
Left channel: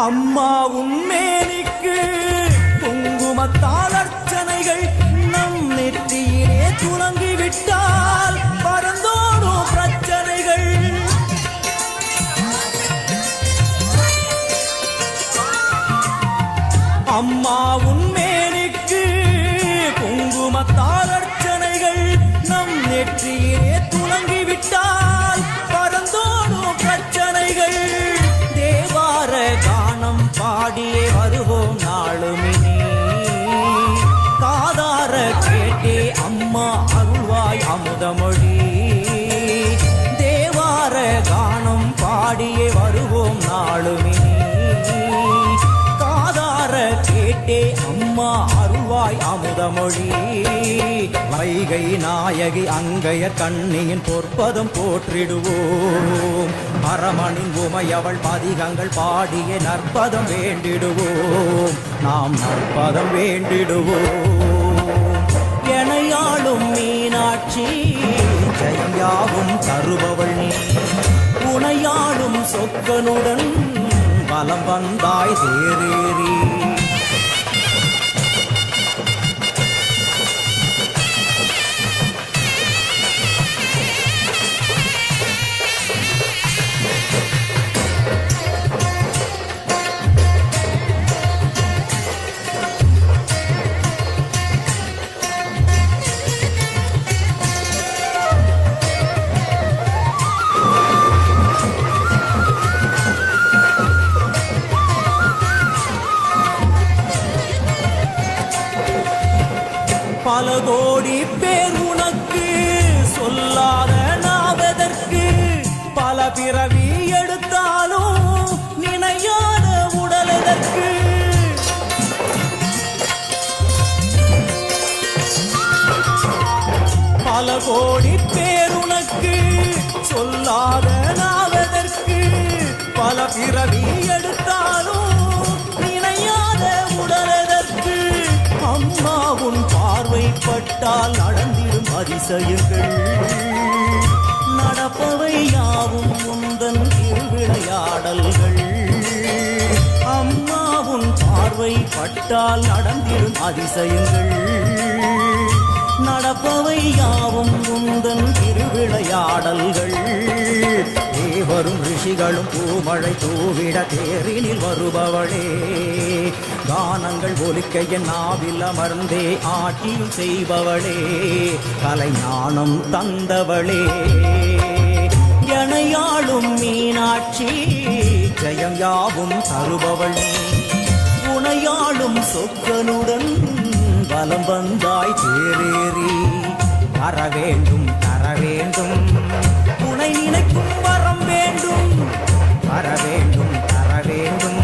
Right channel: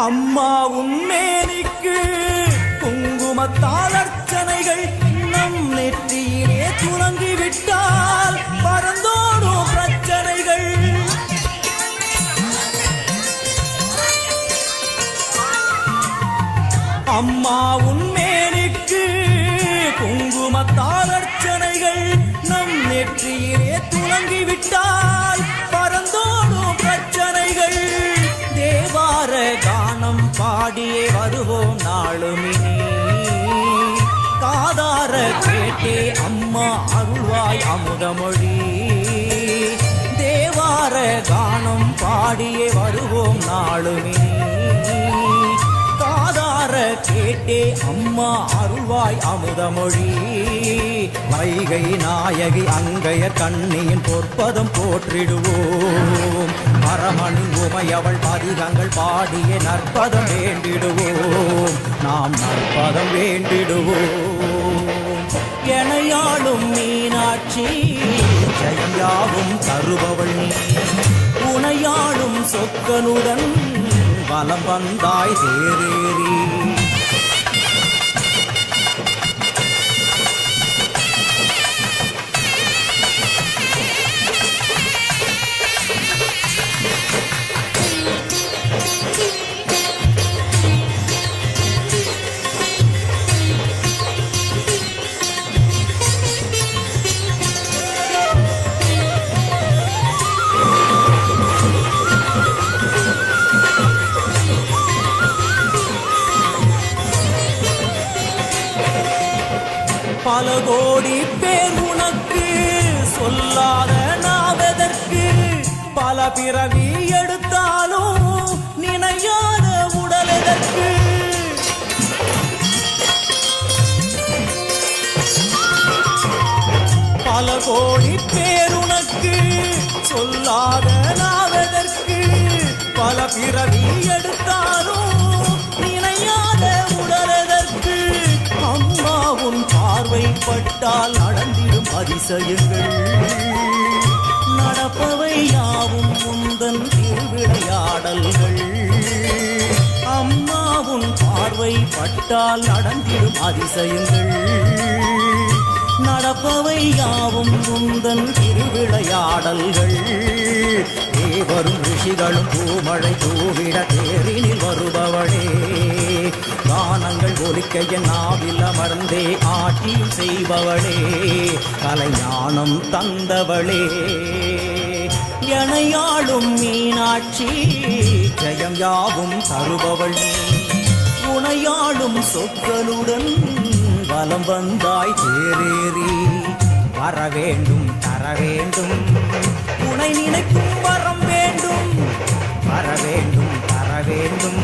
அம்மா உன்மேனிக்கு குங்குமத்தால் அர்ச்சனைகள் நம் நெற்றியிலே துலங்கிவிட்டால் பறந்தோடும் பிரச்சனைகள். அம்மா உன்மேனிக்கு குங்குமத்தால் அர்ச்சனைகள் நம் நெற்றியிலே துலங்கிவிட்டால் பறந்தோடும் பிரச்சனைகள். தேவார கானம் பாடியே வருவோம் நாளுமினி. காதார கேட்டே அம்மா அருள்வாய் அமுதமொழி. தேவார கானம் பாடியே வருவோம் நாளுமினி. காதார கேட்டே அம்மா அருள்வாய் அமுதமொழி. வைகை நாயகி அங்கைய கண்ணியின் பொற்பதம் போற்றிடுவோம். பரமனின் உமையவள் பதிகங்கள் பாடிய நற்பதம் வேண்டிடுவோம். நாம் நற்பதம் வேண்டிடுவோம். எனையாளும் மீனாட்சி ஜெயம் யாவும் தருபவள் நீ. உனையாளும் சொக்கனுடன் வலம் வந்தாய் தேரேறி. பல கோடி பேர் உனக்கு சொல்லாத நாவதற்கு பல பிறவி எடுத்தாலும் நினையாத உடல் எதற்கு பல கோடி பேர் உனக்கு சொல்லாத நாவதற்கு பல பிறவி எடுத்தாலும் நினையாத உடல் எதற்கு அம்மா உன் பார்வைப்பட்டால் நடந்திடும் அதிசயங்கள் நடப்பவை யாவும் முந்தன் திருவிளையாடல்கள் அம்மா உன் பார்வைப்பட்டால் நடந்திடும் அதிசயங்கள் நடப்பவை யாவும் முந்தன் திருவிளையாடல்கள் தேவரும் ரிஷிகளும் பூமழை தூவிட தேரினில் வருபவளே கானங்கள் ஒலிக்க என் நாவில் அமர்ந்தே ஆட்சியும் செய்பவளே கலைஞானம் தந்தவளே எனையாளும் மீனாட்சி ஜெயம் யாவும் தருபவள் நீ உனையாளும் சொக்கனுடன் வலம் வந்தாய் தேரேறி வர வேண்டும் தர வேண்டும் உனை நினைக்கும் வரம் வேண்டும் வர வேண்டும் தர வேண்டும்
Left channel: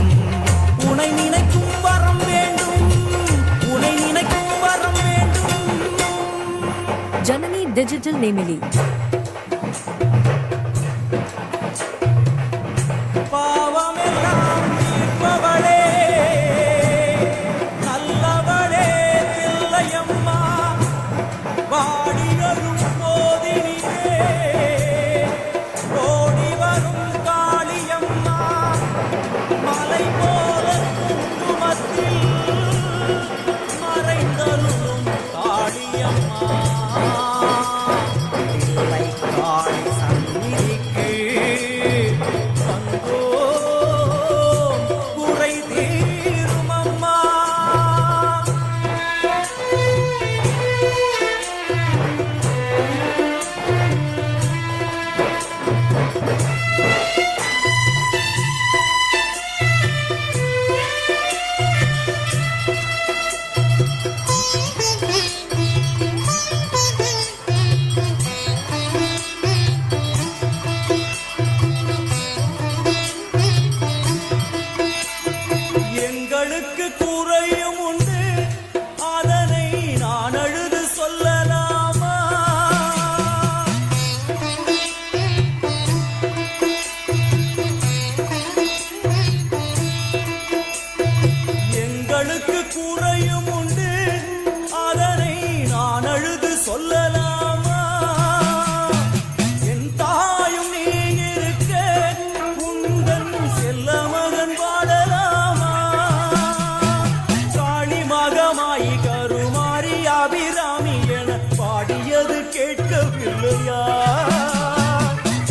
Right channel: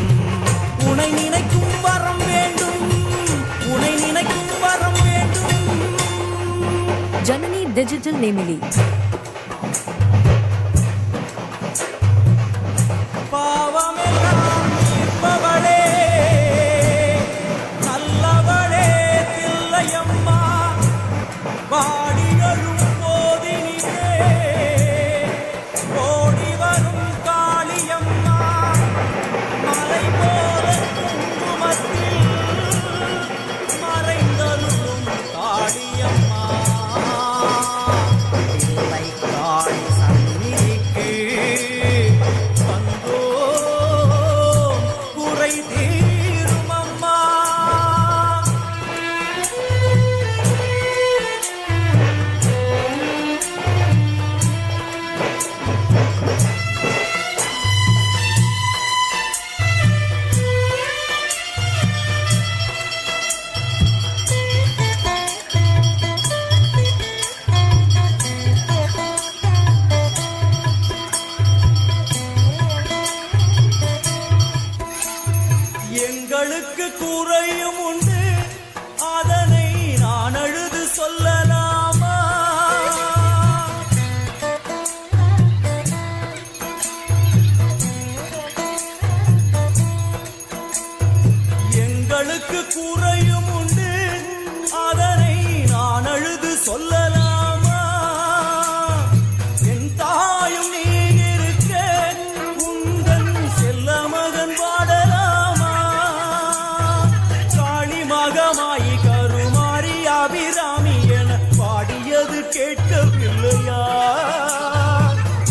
உனை நினைக்கும் வரம் வேண்டும் உனை நினைக்கும் வரம் வேண்டும் Janani Digital Nemili. பாவமெல்லாம் தீர்ப்பவளே நல்லவளே தில்லையம்மா வாடியழும் போதினிலே ஓடி வரும் காளியம்மா மலை போல குங்குமத்தில் மறைந்தருளும் காளியம்மா தில்லை காளி சந்நிதிக்கு வந்தோம் குறை தீரும் அம்மா எங்களுக்கு குறையும் உண்டு அதனை நான் அழுது சொல்லலாமா எங்களுக்கு குறையும் உண்டு அதனை நான் அழுது சொல்லலாமா என் தாயும் நீ இருக்க உந்தன் செல்ல மகன் வாடலாமா காளி மகமாயி கருமாரி அபிராமி என பாடியது கேட்கவில்லையா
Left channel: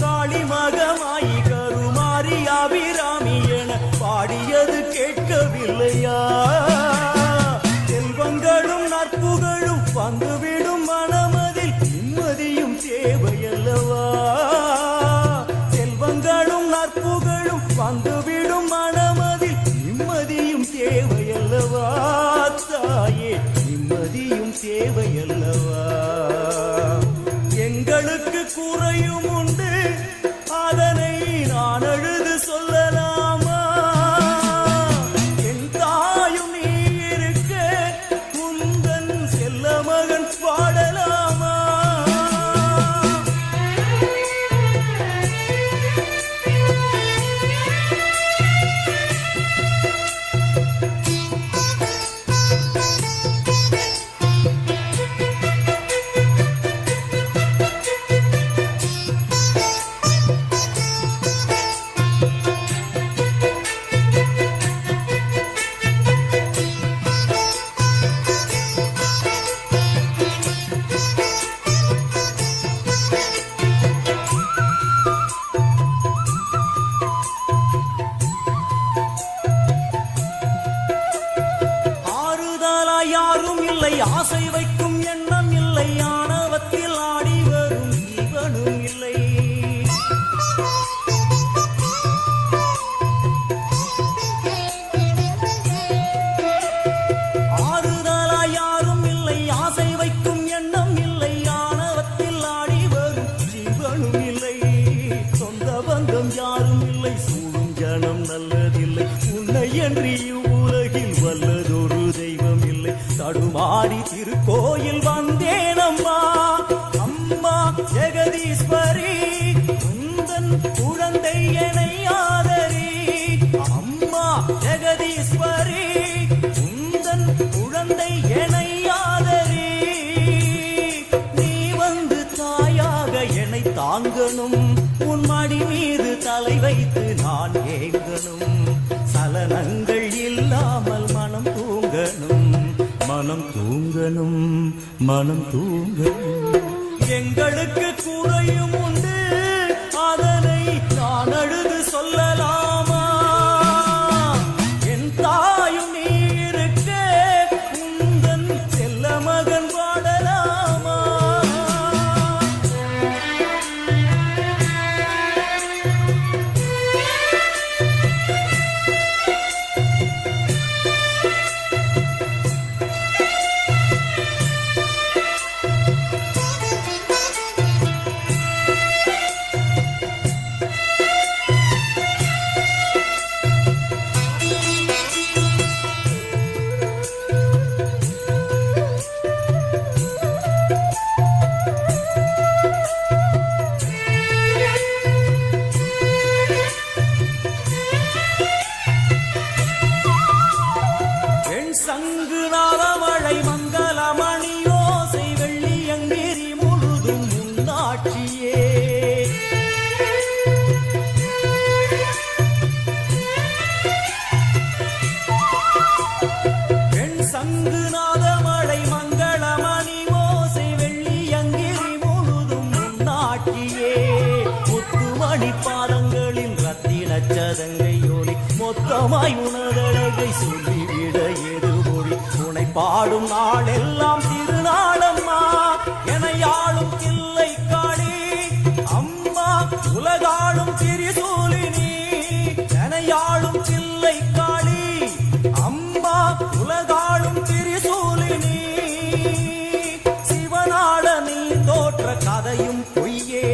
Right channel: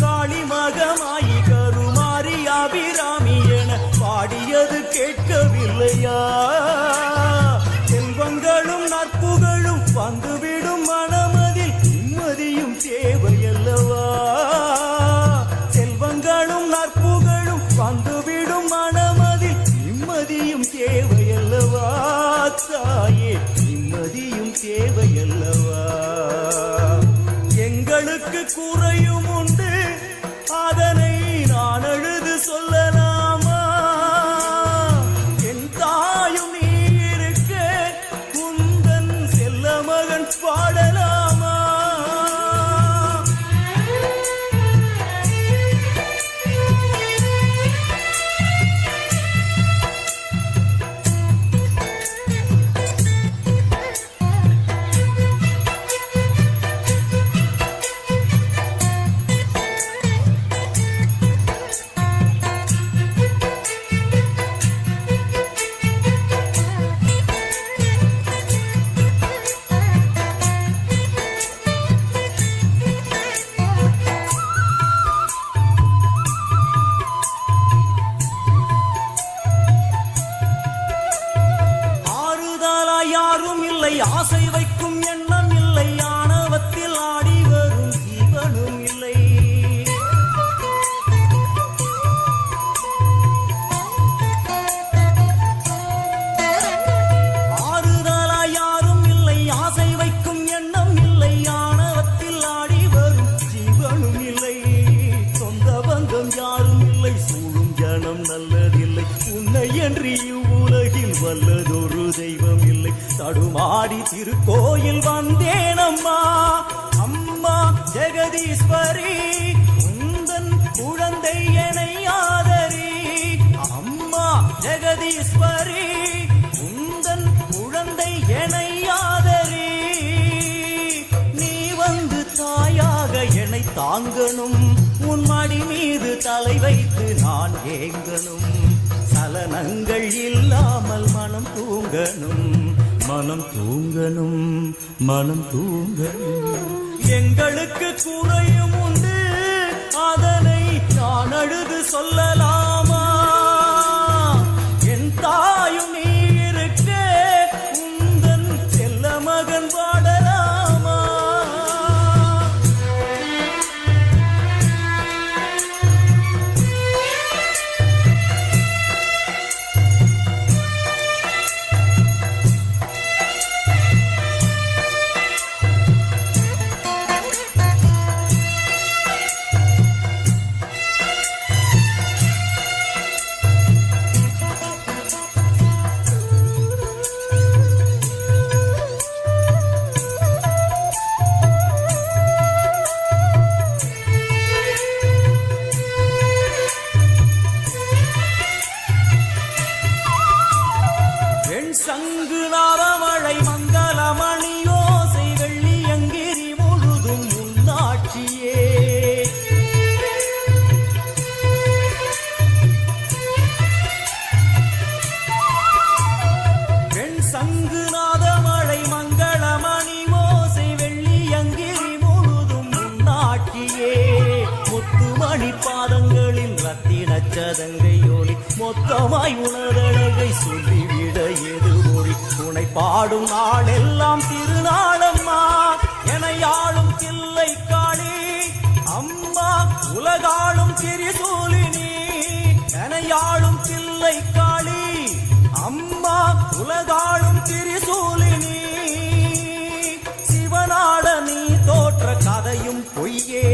காளி மகமாயி கருமாரி அபிராமி என பாடியது கேட்கவில்லையா செல்வங்களும் நற்புகழும் வந்துவிடும் மனமதில் நிம்மதியும் தேவையல்லவா செல்வங்களும் நற்புகழும் வந்துவிடும் மனமதில் நிம்மதியும் தேவையல்லவா தாயே நிம்மதியும் தேவையல்லவா எங்களுக்கு குறையும் உண்டு அதனை நான் அழுது சொல்லலாமா என் தாயும் நீ இருக்க குந்தன் செல்ல மகன் பாடலாமா யாரும் இல்லை ஆசை வைக்கும் எண்ணம் இல்லை ஆணவத்தில் ஆடி வரும் ஜீவனும் இல்லை ஆறுதலா யாரும் இல்லை ஆசை இல்லை, உன்னை என்று இவ்வுலகில் வல்லதொரு தெய்வம் இல்லை. தடுமாறி திருக்கோயில் வந்தேனம்மா, அம்மா ஜெகதீஸ்வரி, உந்தன் குழந்தை என்னை ஆதரி. அம்மா ஜெகதீஸ்வரி, உந்தன் குழந்தை என்னை ஆதரி. நீ வந்து தாயாக என்னை தாங்கணும், உன் மடி மீது தலை வைத்து நான் ஏங்கணும். சலனங்கள் இல்லாமல் மனம் தூங்கணும், மனம் தூங்கணும், மனம் தூங்கணும். எங்களுக்கு குறையும் உண்டு, அதனை நான் அழுது சொல்லலாமா? என் தாயும் நீ இருக்க, உந்தன் செல்ல மகன் பாடலாமா? சங்கு நாதமழை மங்களமணி ஓசை வெள்ளியங்கிரி முழுதும் முன்னாட்சியே. பெண் சங்கு நாதமழை மங்களமணி ஓசை வெள்ளியங்கிரி முழுதும் முன்னாட்சியே. முத்துமணி பாதங்களின் ரத்தின சதங்கை ஒலி மொத்தமாய் உணரழகை சொல்லிவிட எது மொழி? உனை பாடும் நாளெல்லாம் திருநாளம்மா, எனையாளும் தில்லை காளி அம்மா, உலகாளும் திரிசூலினி. எனையாளும் தில்லை காளி அம்மா, உலகாளும் திரிசூலினி. சிவனாட நீ தோற்ற கதையும் பொய்யே,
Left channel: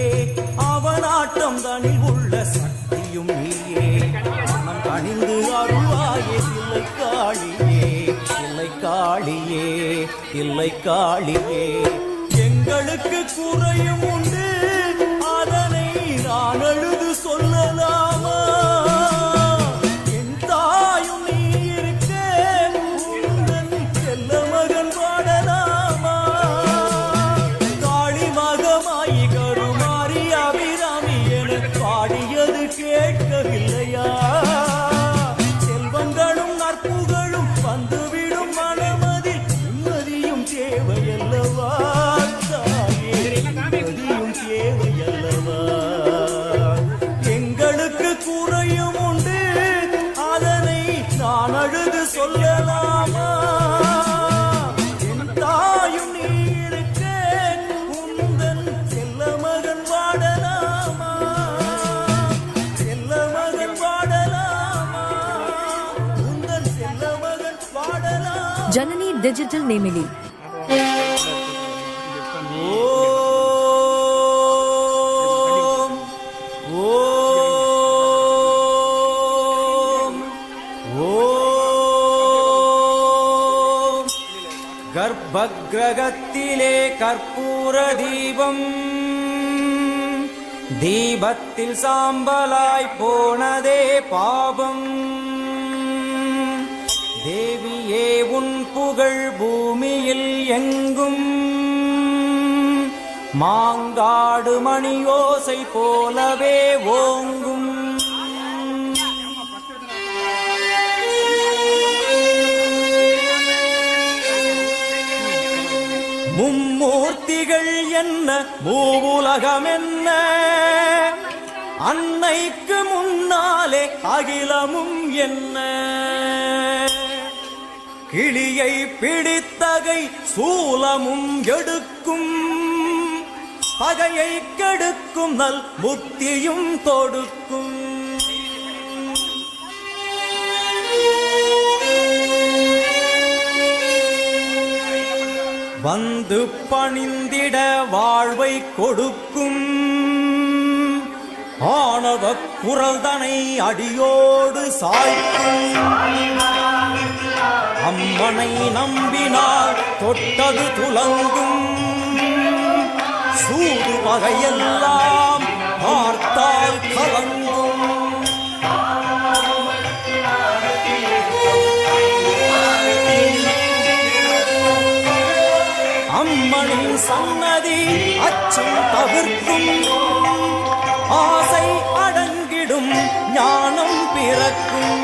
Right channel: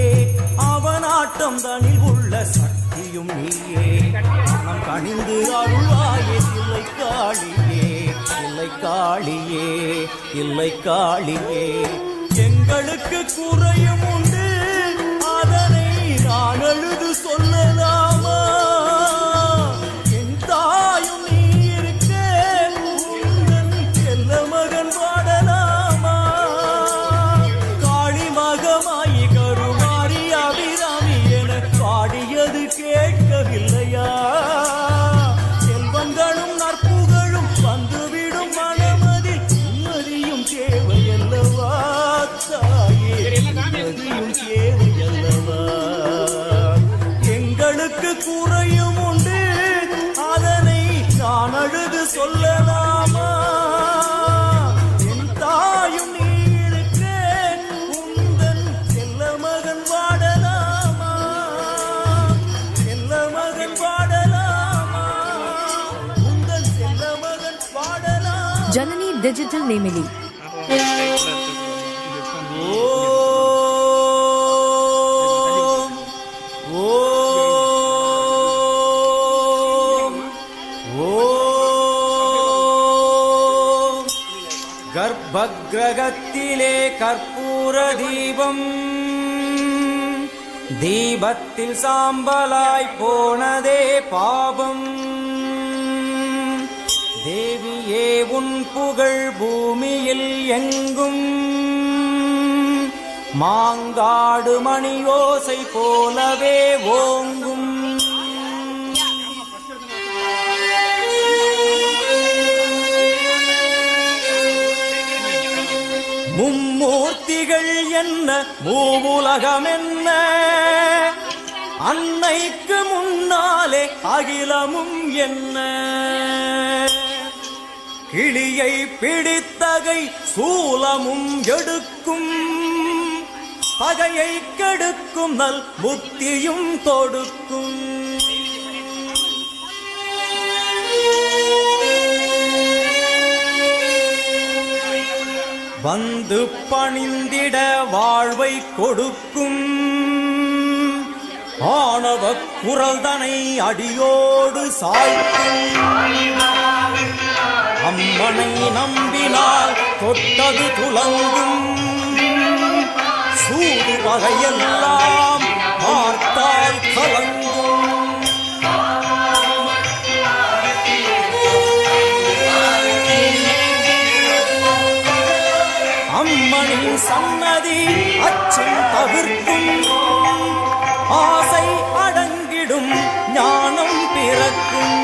அவனாட்டம் தனில் உள்ள சக்தியும் நீயே. மனம் கணிந்து அருள்வாயே தில்லை காளியே, தில்லை காளியே, தில்லை காளியே. எங்களுக்கு குறையும் உண்டு, அதனை நான் அழுது சொல்லலாமா? என் தாயும் நீ இருக்க, உந்தன் செல்ல மகன் பாடலாமா? காளி மகமாயி கருமாரி அபிராமி என பாடியது கேட்கவில்லையா? செல்வங்களும் நற்புகழும் வந்துவிடும் மனமதில் நிம்மதியும் தேவையல்லவா தாயே, நிம்மதியும் தேவையல்லவா? எங்களுக்கு குறையும் உண்டு, அதனை நான் அழுது சொல்லலாமா? என் தாயும் நீ இருக்க, உந்தன் செல்ல மகன் வாடலாமா? செல்ல மகன் வாடலாமா? உந்தன் செல்ல மகன் வாடலாமா? जननी डिजिटल नेमिली. ஓம் ஓம் ஓம். கர்ப்பகிரகத்திலே கற்பூர தீபம், தீபத்தில் சாம்பலாய் போனதே பாபம். தேவியே உன் புகழ் பூமியில் எங்கும், மாங்காடு மணியோசை போலவே ஓங்கும். மும்மூர்த்திகள் என்ன, மூவுலகம் என்ன, அன்னைக்கு முன்னாலே அகிலமும் என்ன. கிளியை பிடித்தகை சூலமும் எடுக்கும், பகையை கெடுக்கும் நல் புத்தியும் தொடுக்கும். வந்து பணிந்திட வாழ்வை கொடுக்கும், ஆணவ குரல்தனை அடியோடு சாய்க்கும் அம்மனை நம்பினால் தொட்டது துலங்கும் சூது வகையெல்லாம் பார்த்தால் கலங்கும் அம்மனின் சன்னதி அச்சம் தவிர்க்கும் ஆசை அடங்கிடும் ஞானம் பிறக்கும்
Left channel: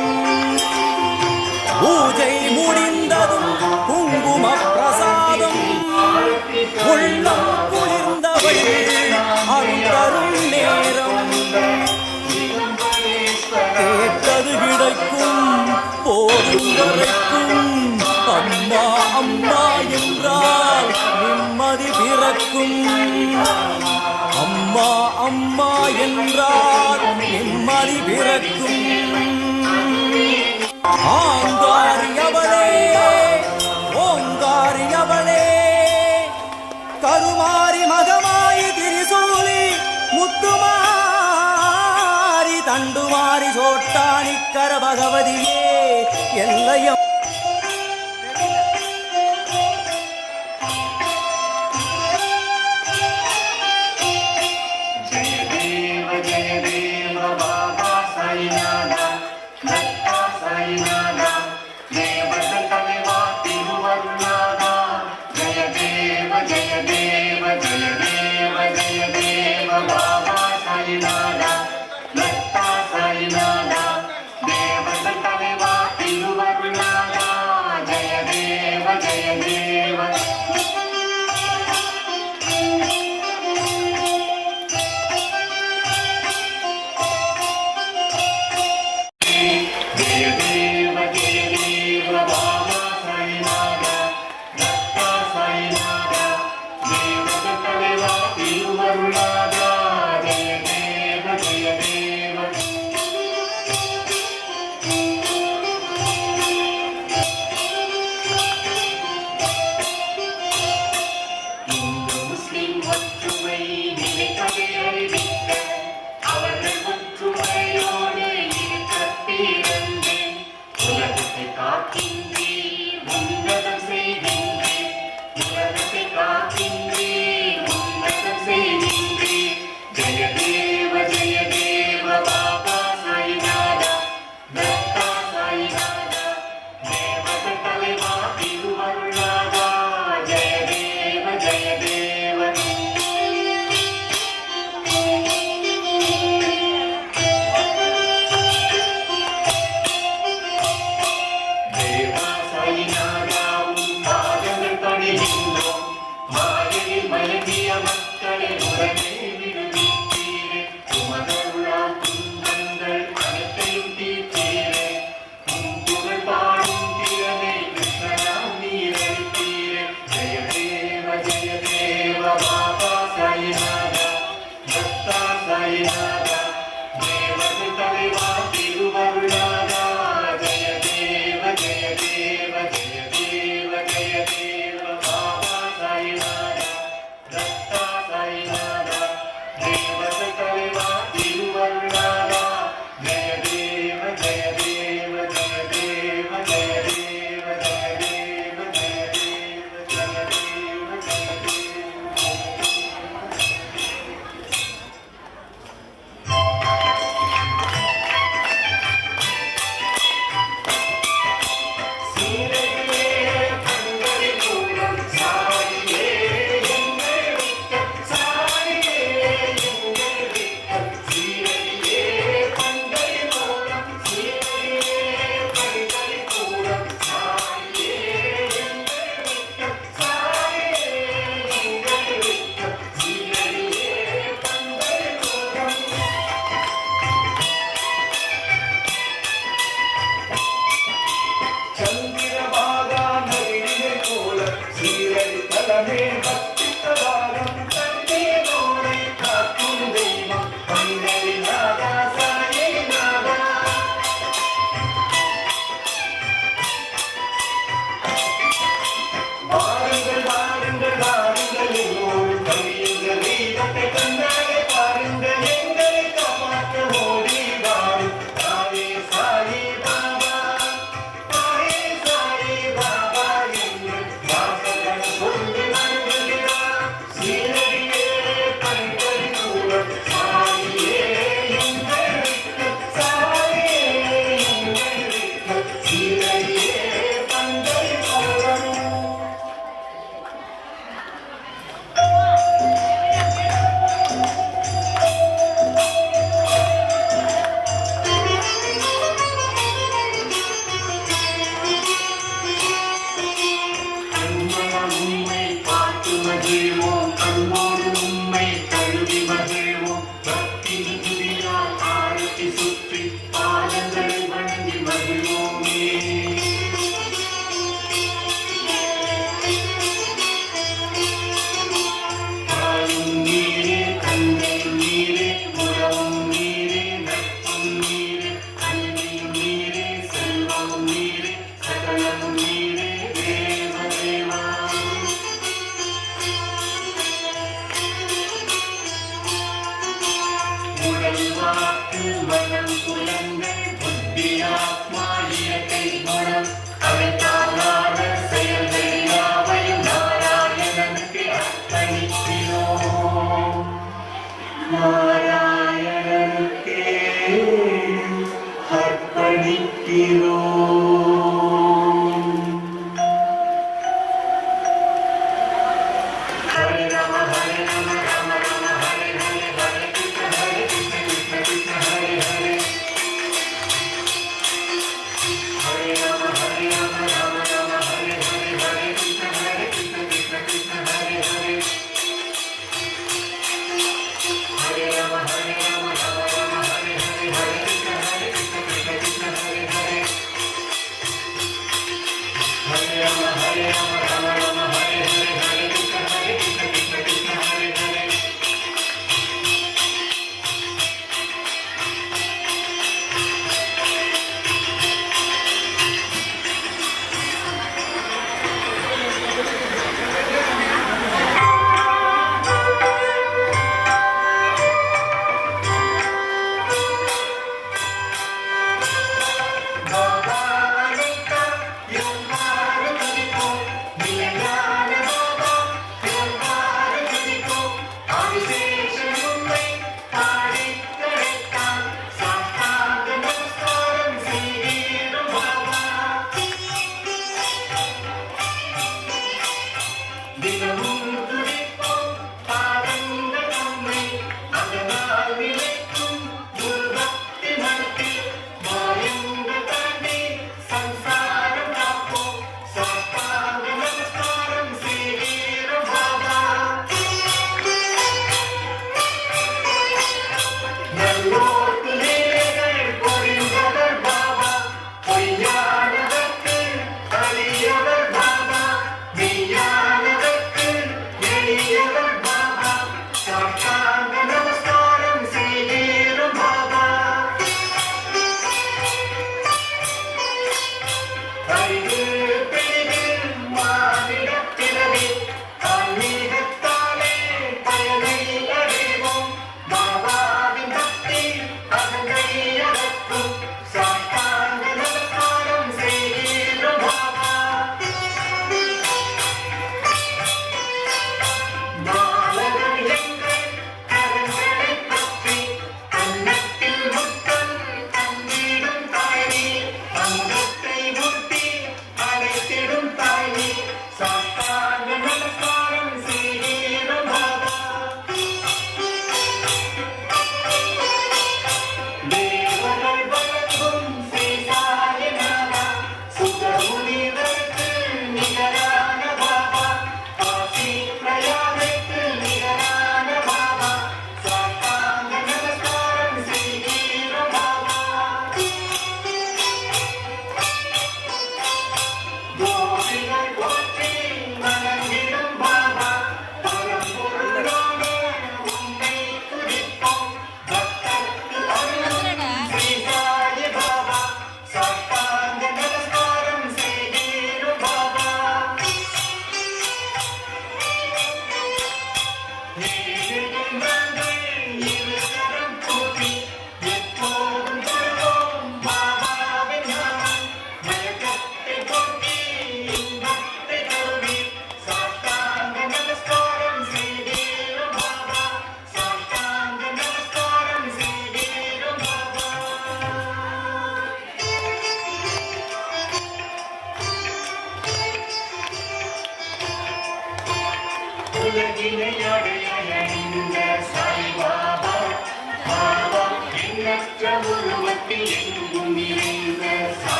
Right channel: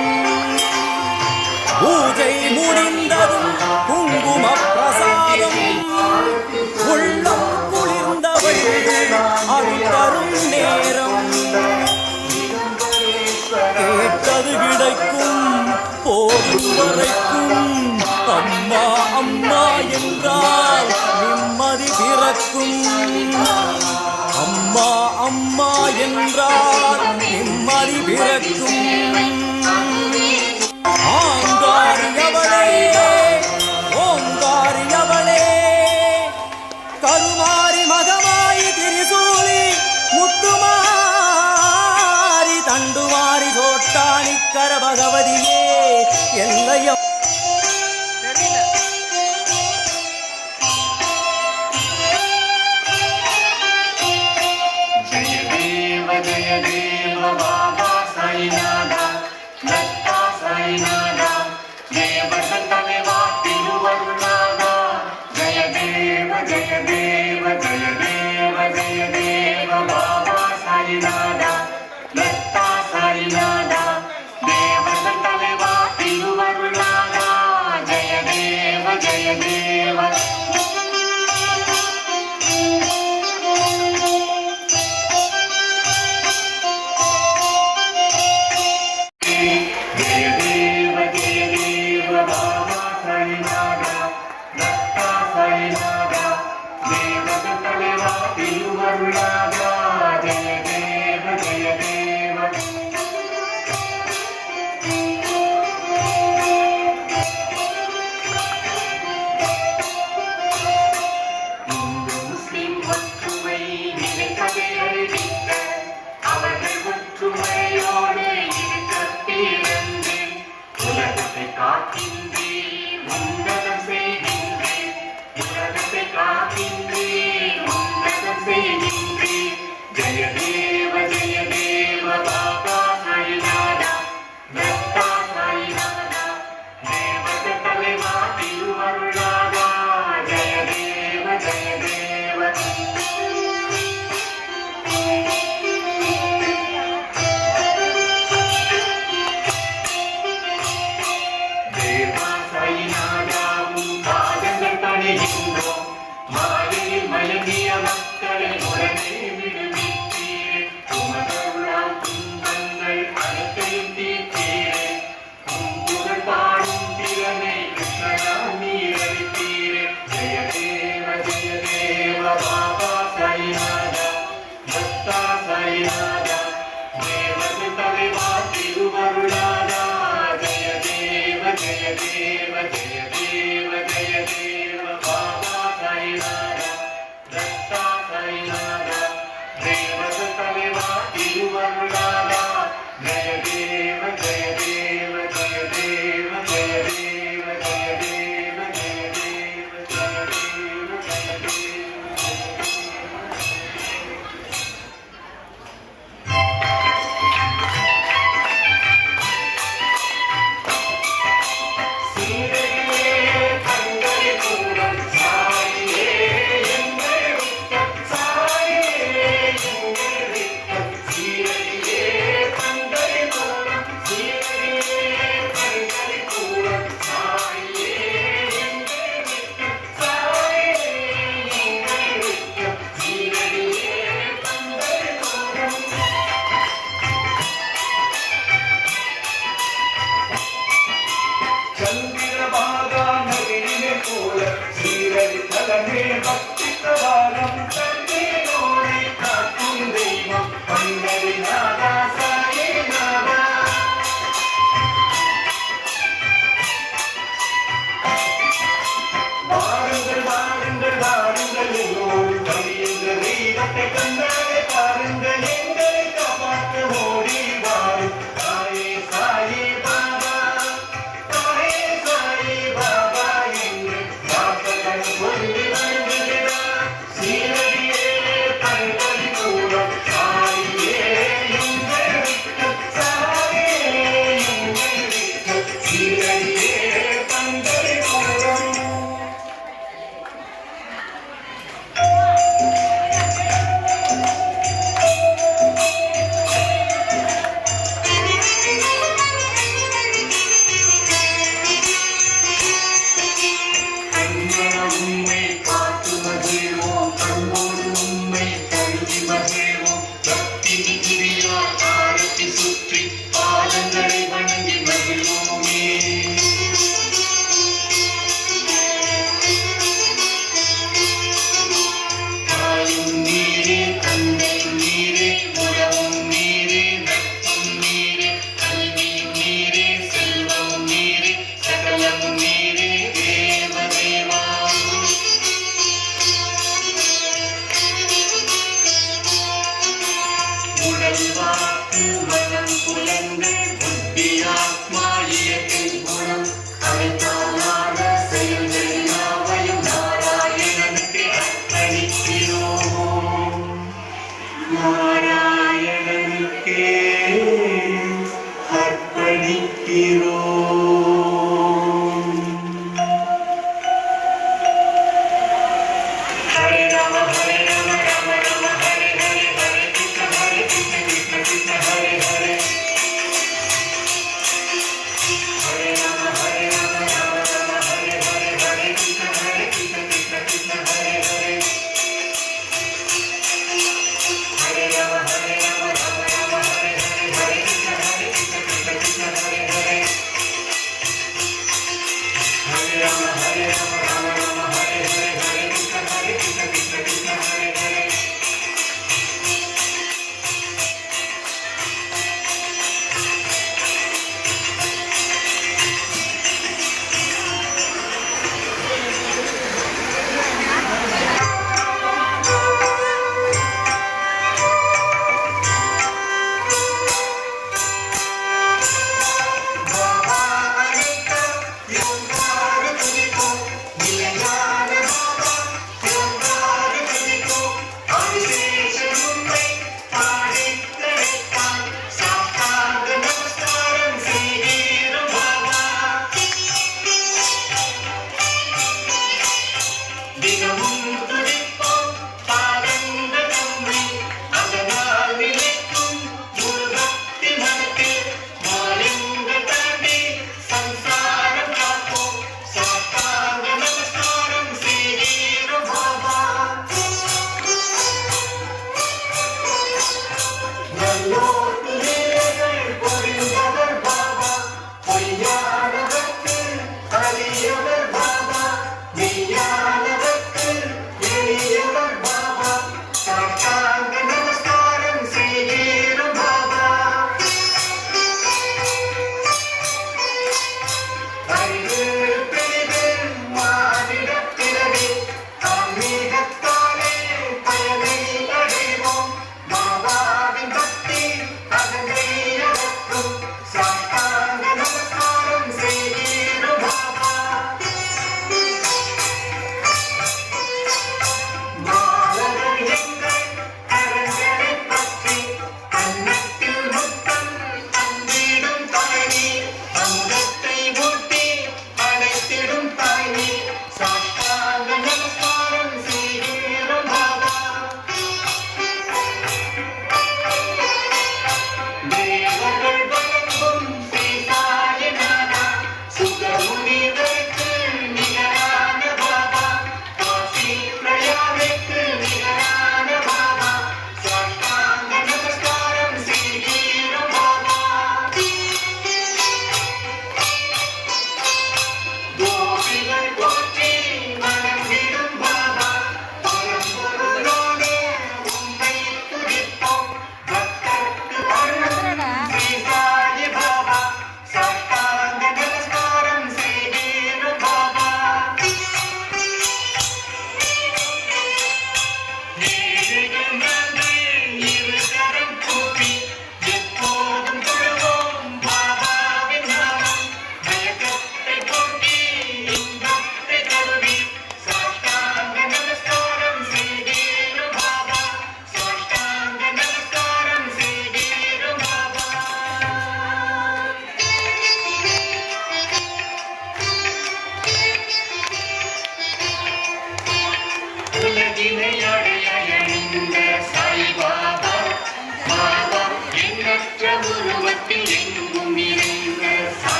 பூஜை முடிந்ததும் குங்கும பிரசாதம் உள்ளம் குளிர்ந்தவள் அருள் தரும் நேரம் கேட்டது கிடைக்கும் போதும் வரைக்கும் அம்மா அம்மா என்றால் நிம்மதி பிறக்கும் அம்மா அம்மா என்றால் நிம்மதி பிறக்கும் ஆங்காரியவளே ஓங்காரியவளே கருமாரி மகமாயி திரிசூலி முத்துமாரி தண்டுமாரி சோட்டானிக்கர பகவதியே எல்லையம் பாருங்கள் எங்களை காப்பாற்ற ஓடி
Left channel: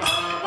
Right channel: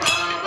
Baba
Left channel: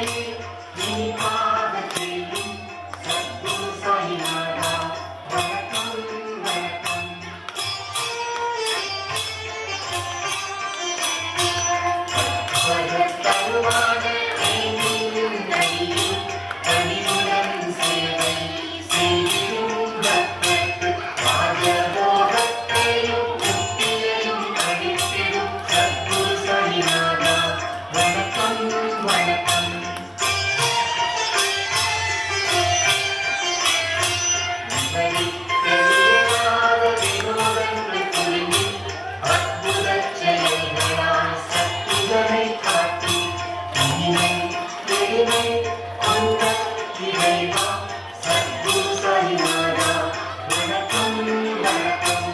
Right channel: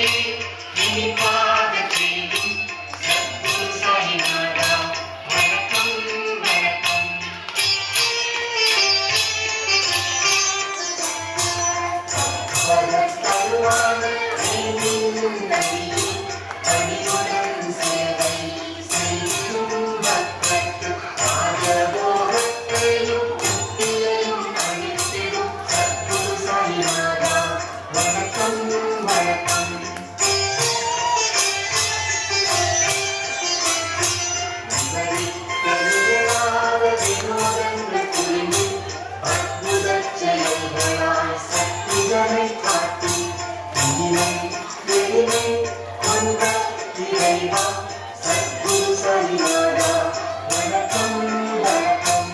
இனிப்பாக செய்யும் சத்குரு சாயிநாதா வணக்கம் வணக்கம். தருவான ஐந்தும் நதியில் பணிவுடன் சேவை செய்யும் பக்தர்க்கு ராஜபோகத்தையும் முக்தியையும் அளித்திடும் சத்குரு சாயிநாதா வணக்கம் வணக்கம். கலியலாத வினோதங்கள் புரிந்து அற்புதச் செயல்களால் சக்திகளை காட்டி இனிமே பெருமை கொண்ட இறைவா சத்குரு சாயிநாதா வணக்கம் வணக்கம்.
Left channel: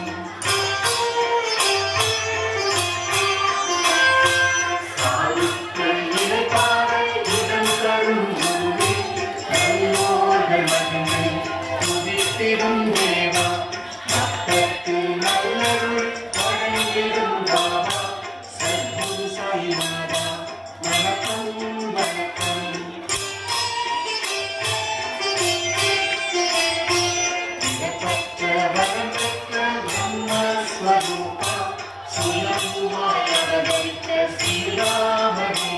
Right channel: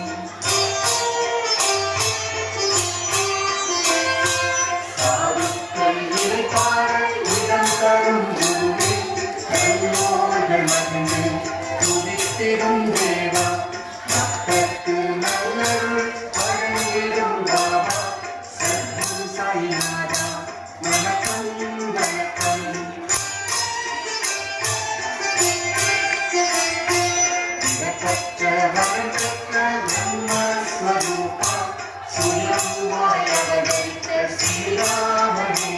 சாதுக்கள் இறைபாட இடம் தரும் குருவே நல்லோர்கள் மகிமை துதித்திடும் தேவா பக்தர்க்கு நல்லருள் வழங்கிடும் பாபா சத்குரு சாயிநாதா வணக்கம் வணக்கம். இடப்பற்ற வரப்பற்ற பிரம்மஸ்வரூபா சுயம்புவாய் அவதரித்த ஸ்ரீராமனே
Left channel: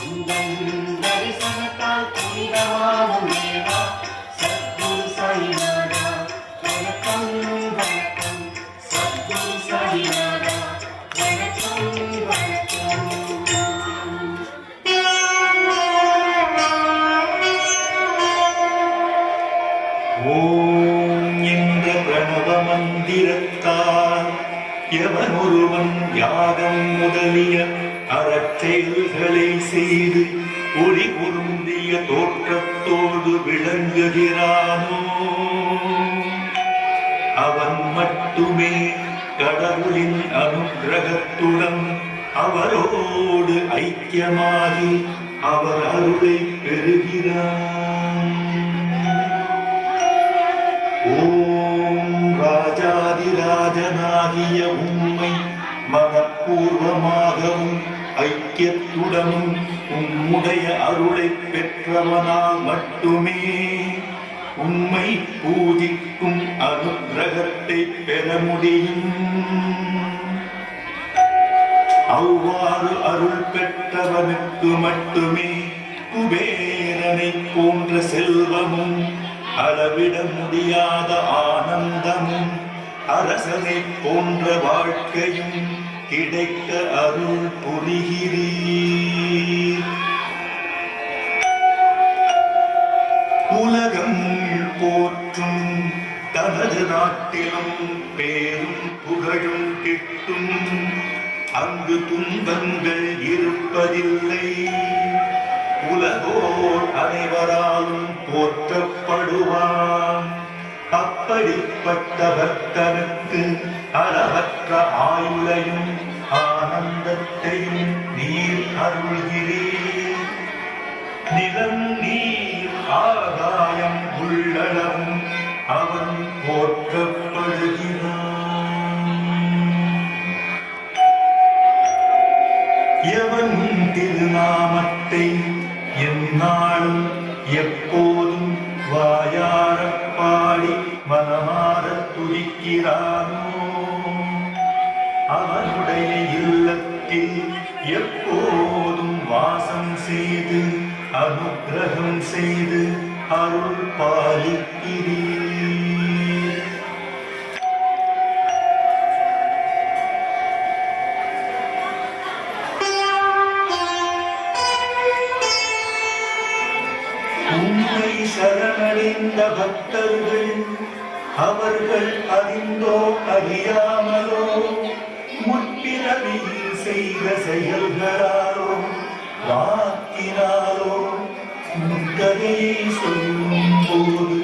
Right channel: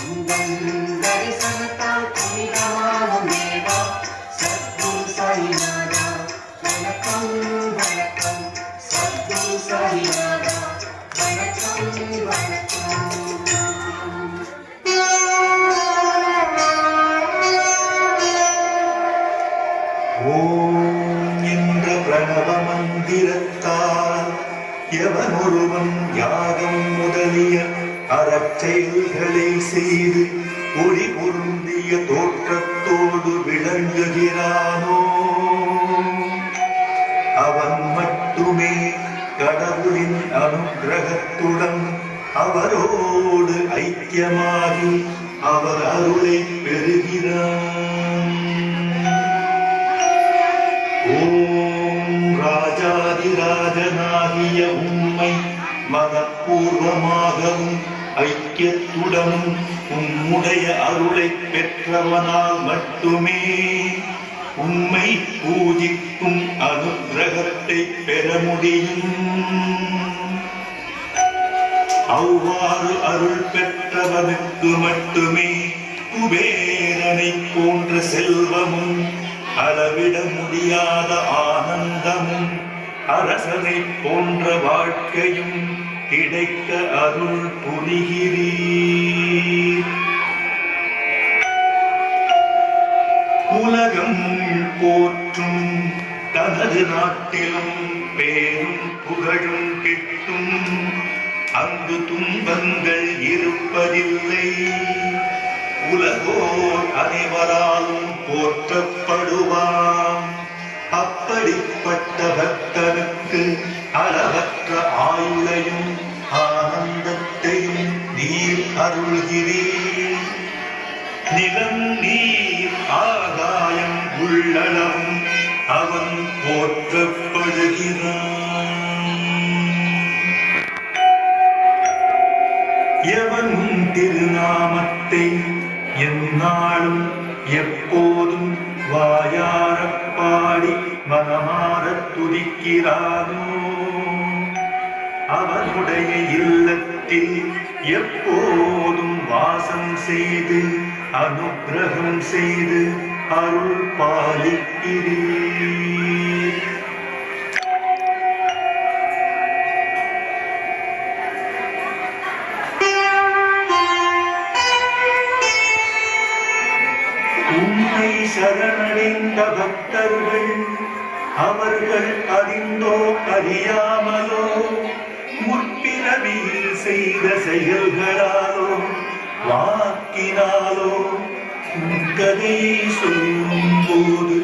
உந்தன் தரிசனத்தால் புனிதமாகும் தேவா சத்குரு சாயிநாதா வணக்கம் வணக்கம். சத்குரு சாயிநாதா வணக்கம் வணக்கம். ஓம் என்ற பிரணவ மந்திரத்தால் எவனொருவன் யாகம் முதலிய அறச்செயல்களை செய்து ஒளி பொருந்திய தோற்றத்தோடு விளங்குகிறானோ அவன் மட்டுமே கடவுளின் அனுக்கிரகத்துடன் அவரோடு ஐக்கியமாகி அவர் அருளை பெறுகிறான். ஓம் ராஜாதிராஜனாகிய உம்மை மனப்பூர்வமாகவும் ஐக்கியத்துடனும் உம்முடைய அருளை பெற்றவனால் மட்டுமே உம்மை பூஜிக்கும் அனுக்கிரகத்தை பெற முடியும். அவ்வாறு அருள் பெற்றவனுக்கு மட்டுமே குபேரனை போன்ற செல்வமும் அளவிட முடியாத ஆனந்தமும் அரசனை போன்ற வாழ்க்கையும் கிடைக்க அருள் புரிகிறீர். உலகம் போற்றும் தனது நாட்டிலும் பேரும் புகழும் கிட்டும். அங்கு துன்பங்கள் இருப்பதில்லை. உலகோர் அனைவராலும் போற்றப்படுவான். அப்படிப்பட்ட பக்தனுக்கு அளவற்ற ஆயுளையும் ஆனந்தத்தையும் நீர் அருள்கிறீர். நிலம் நீர் ஆகாயம் உள்ளளவும் அவன் போற்றப்படுகிறான். எவனும் திருநாமத்தை எந்நாளும் எப்போதும் வாயாரப் பாடி மனமாரத் துதிக்கிறானோ அவனுடைய இல்லத்தில் எப்போதும் வாசம் செய்து அனுக்கிரகம் செய்து அருள் பாலிக்கிறீர். உம்மை சரணடைந்த பக்தர்கள் அவர்கள் அறிந்தோ அறியாமலோ முற்பிறவியில் செய்த செயல்களாலோ வாக்கினாலோ கதையை சொல்லும் போது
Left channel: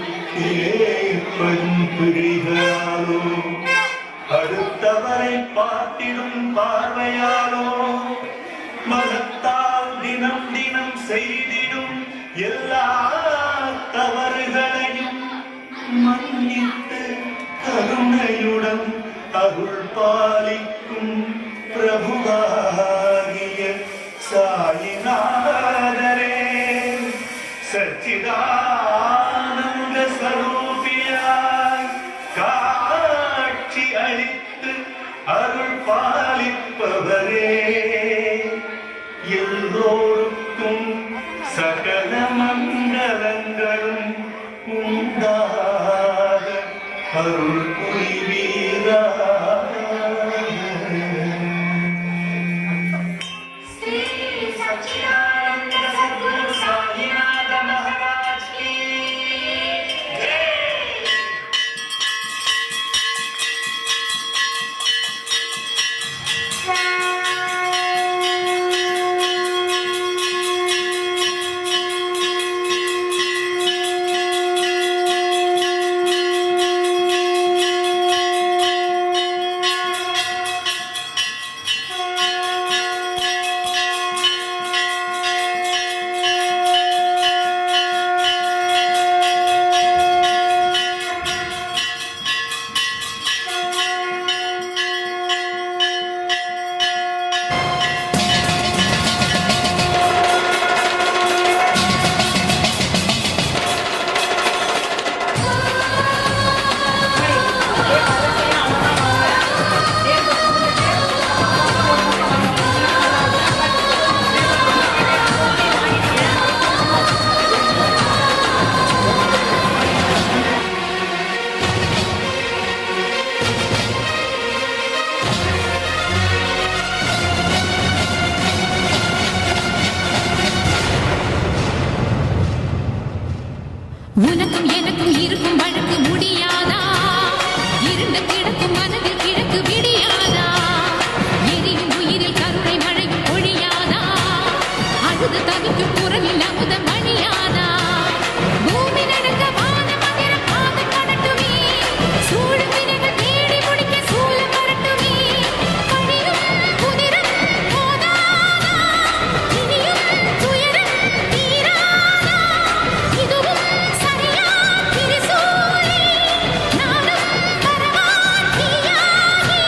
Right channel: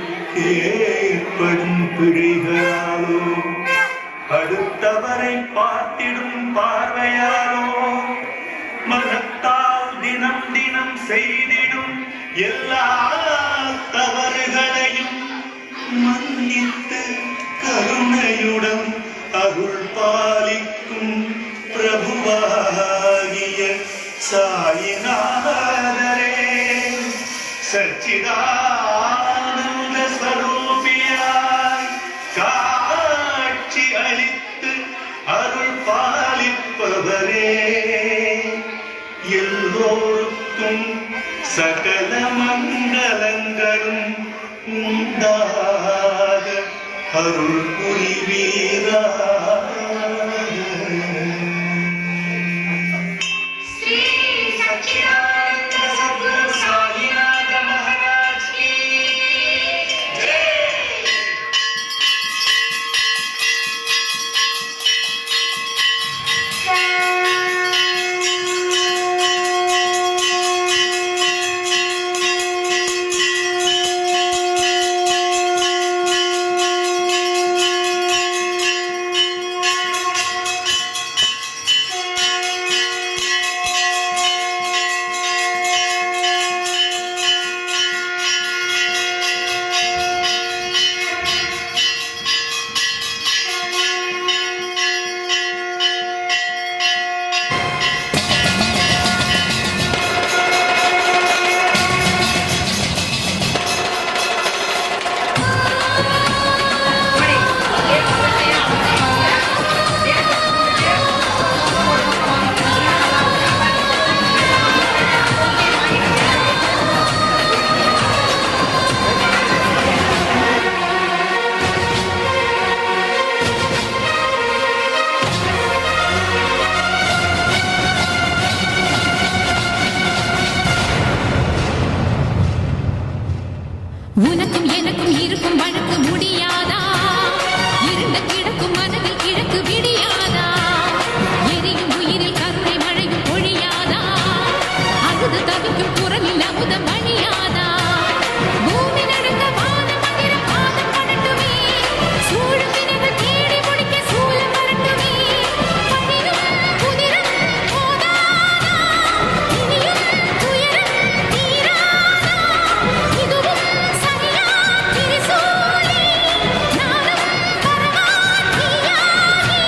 ஏற்படும் பிழைகளாலோ அடுத்தவரை பார்த்திடும் பார்வையாலோ மனத்தால் தினம் தினம் செய்திடும் எல்லா தவறுகளையும் மன்னித்து கருணையுடன் அருள் பாலிக்கும் பிரபுவாகிய சாயிநாதரே சச்சிதானந்த ஸ்வரூபியாய் காட்சி அளித்து அருள் பாலிப்பவரே, எல்லோருக்கும் சகல மங்களங்களும் உண்டாக அருள் புரிவீரா. श्री सच्चिदानंद सद्गुरु साईनाथ महाराज की जय। உனக்கும் எனக்கும் இருக்கும் வழக்கு முடியாதா? இருண்ட கிடக்கும் மனதில் கிழக்கு விடியாதா? எரியும் உயிரில் கருணை மழையும் பொழியாதா? அழுது தவிக்கும் குரலில் அமுதம் வழியாதா? பூமி நடுங்க வானம் அதிர பாதம் படட்டுமே, சூழும் வினைகள் தேடி முடிக்க சூலம் வரட்டுமே. பழியும் புதிரும் போதாதா? இனியும் துயரம் தீராதா? இதுவும் சரியா திரிசூலி, நானும் வரவா தீயாகி.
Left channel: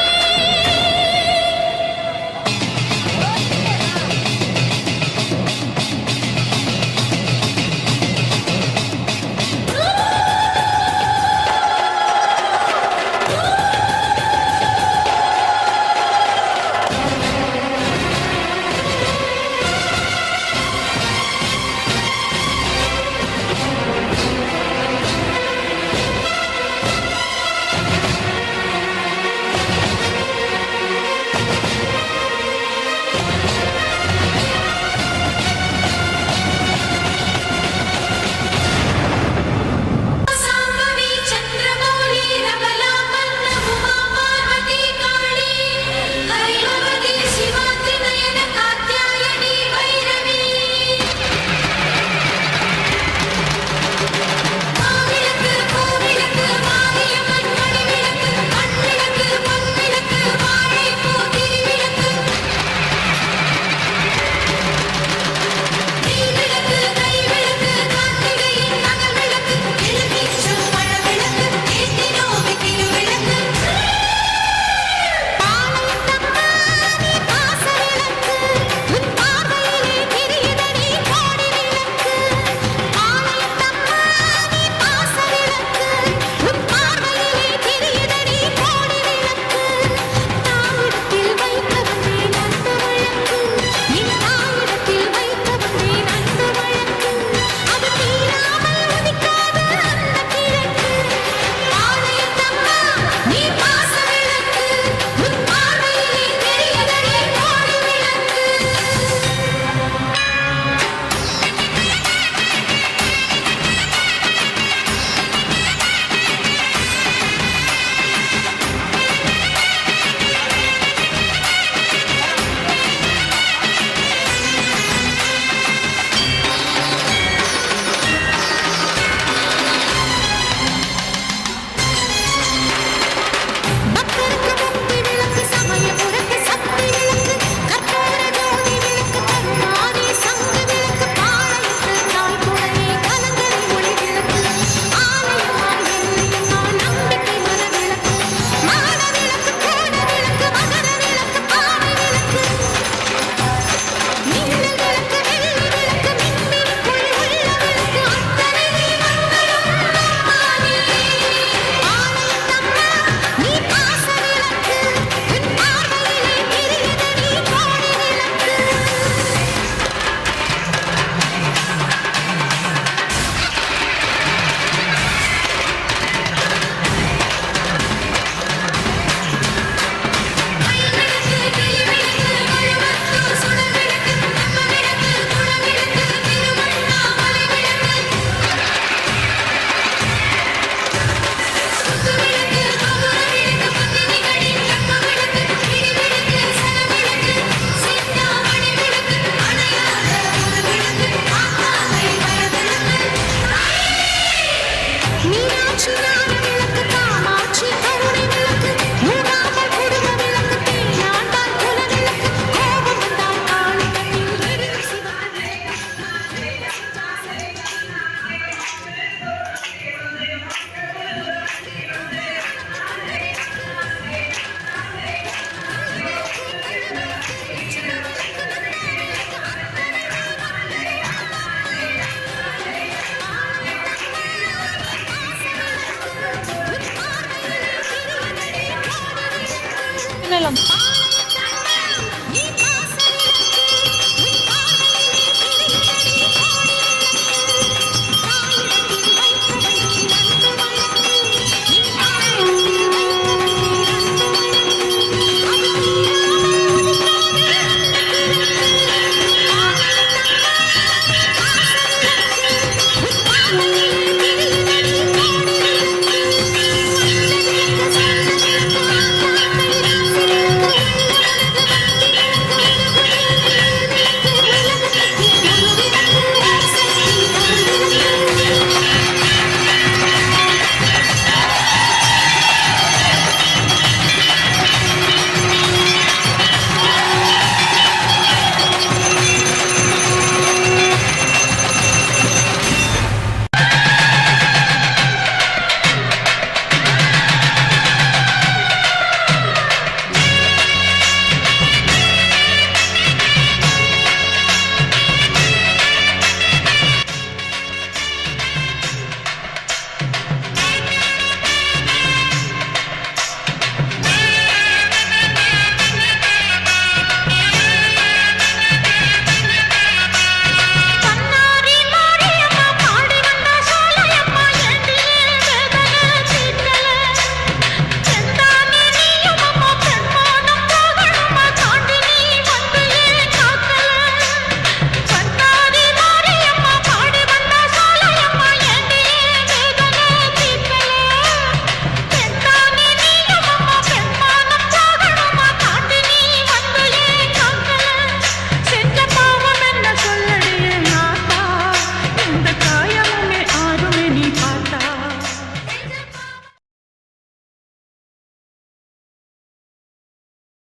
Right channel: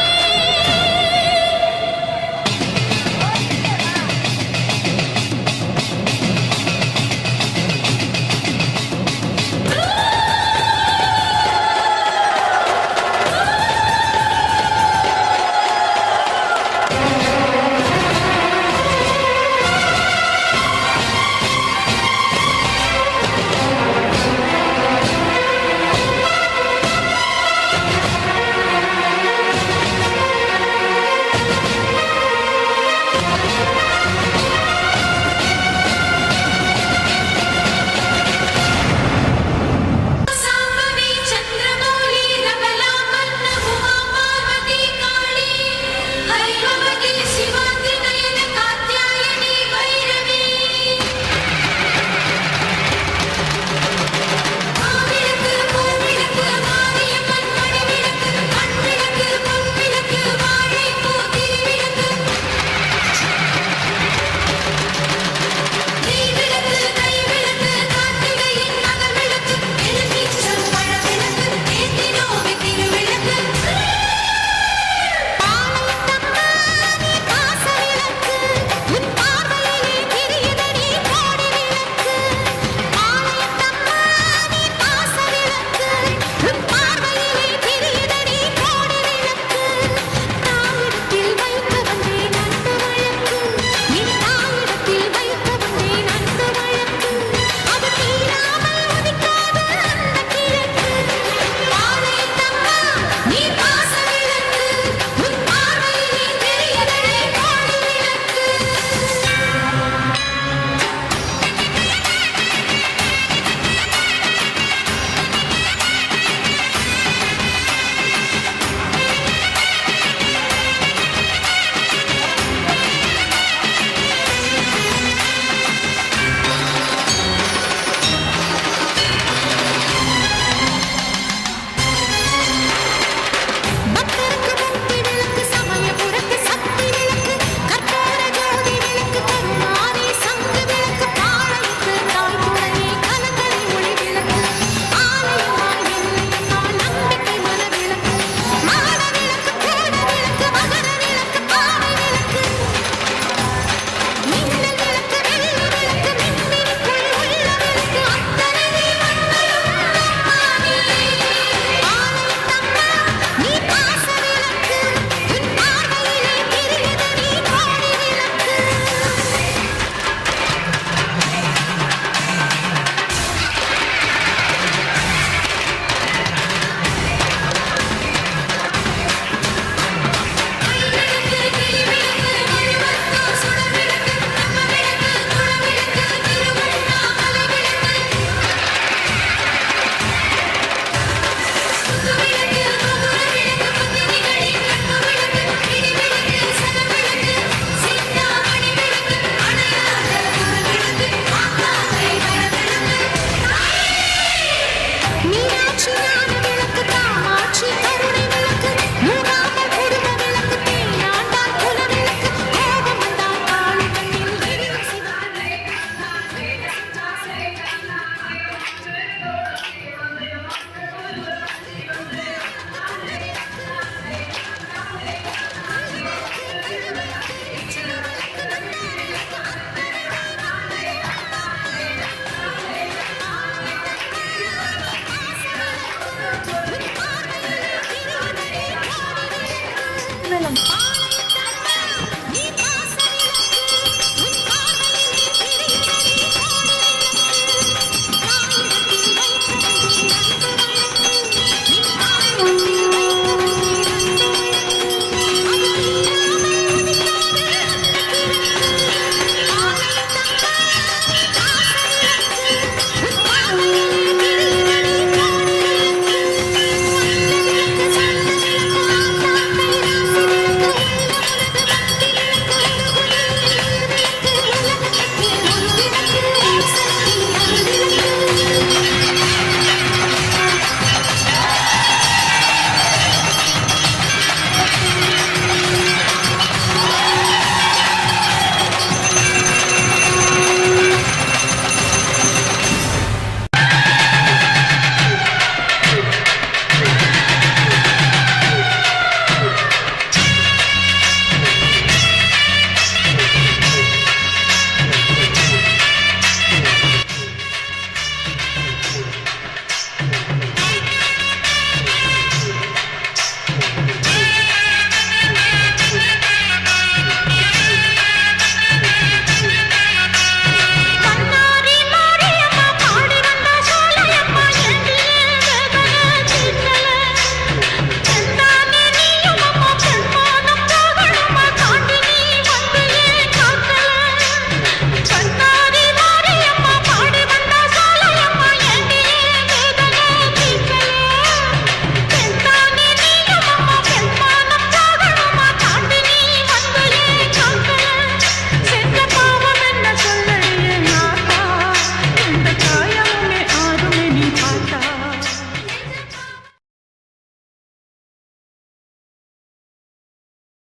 நலம்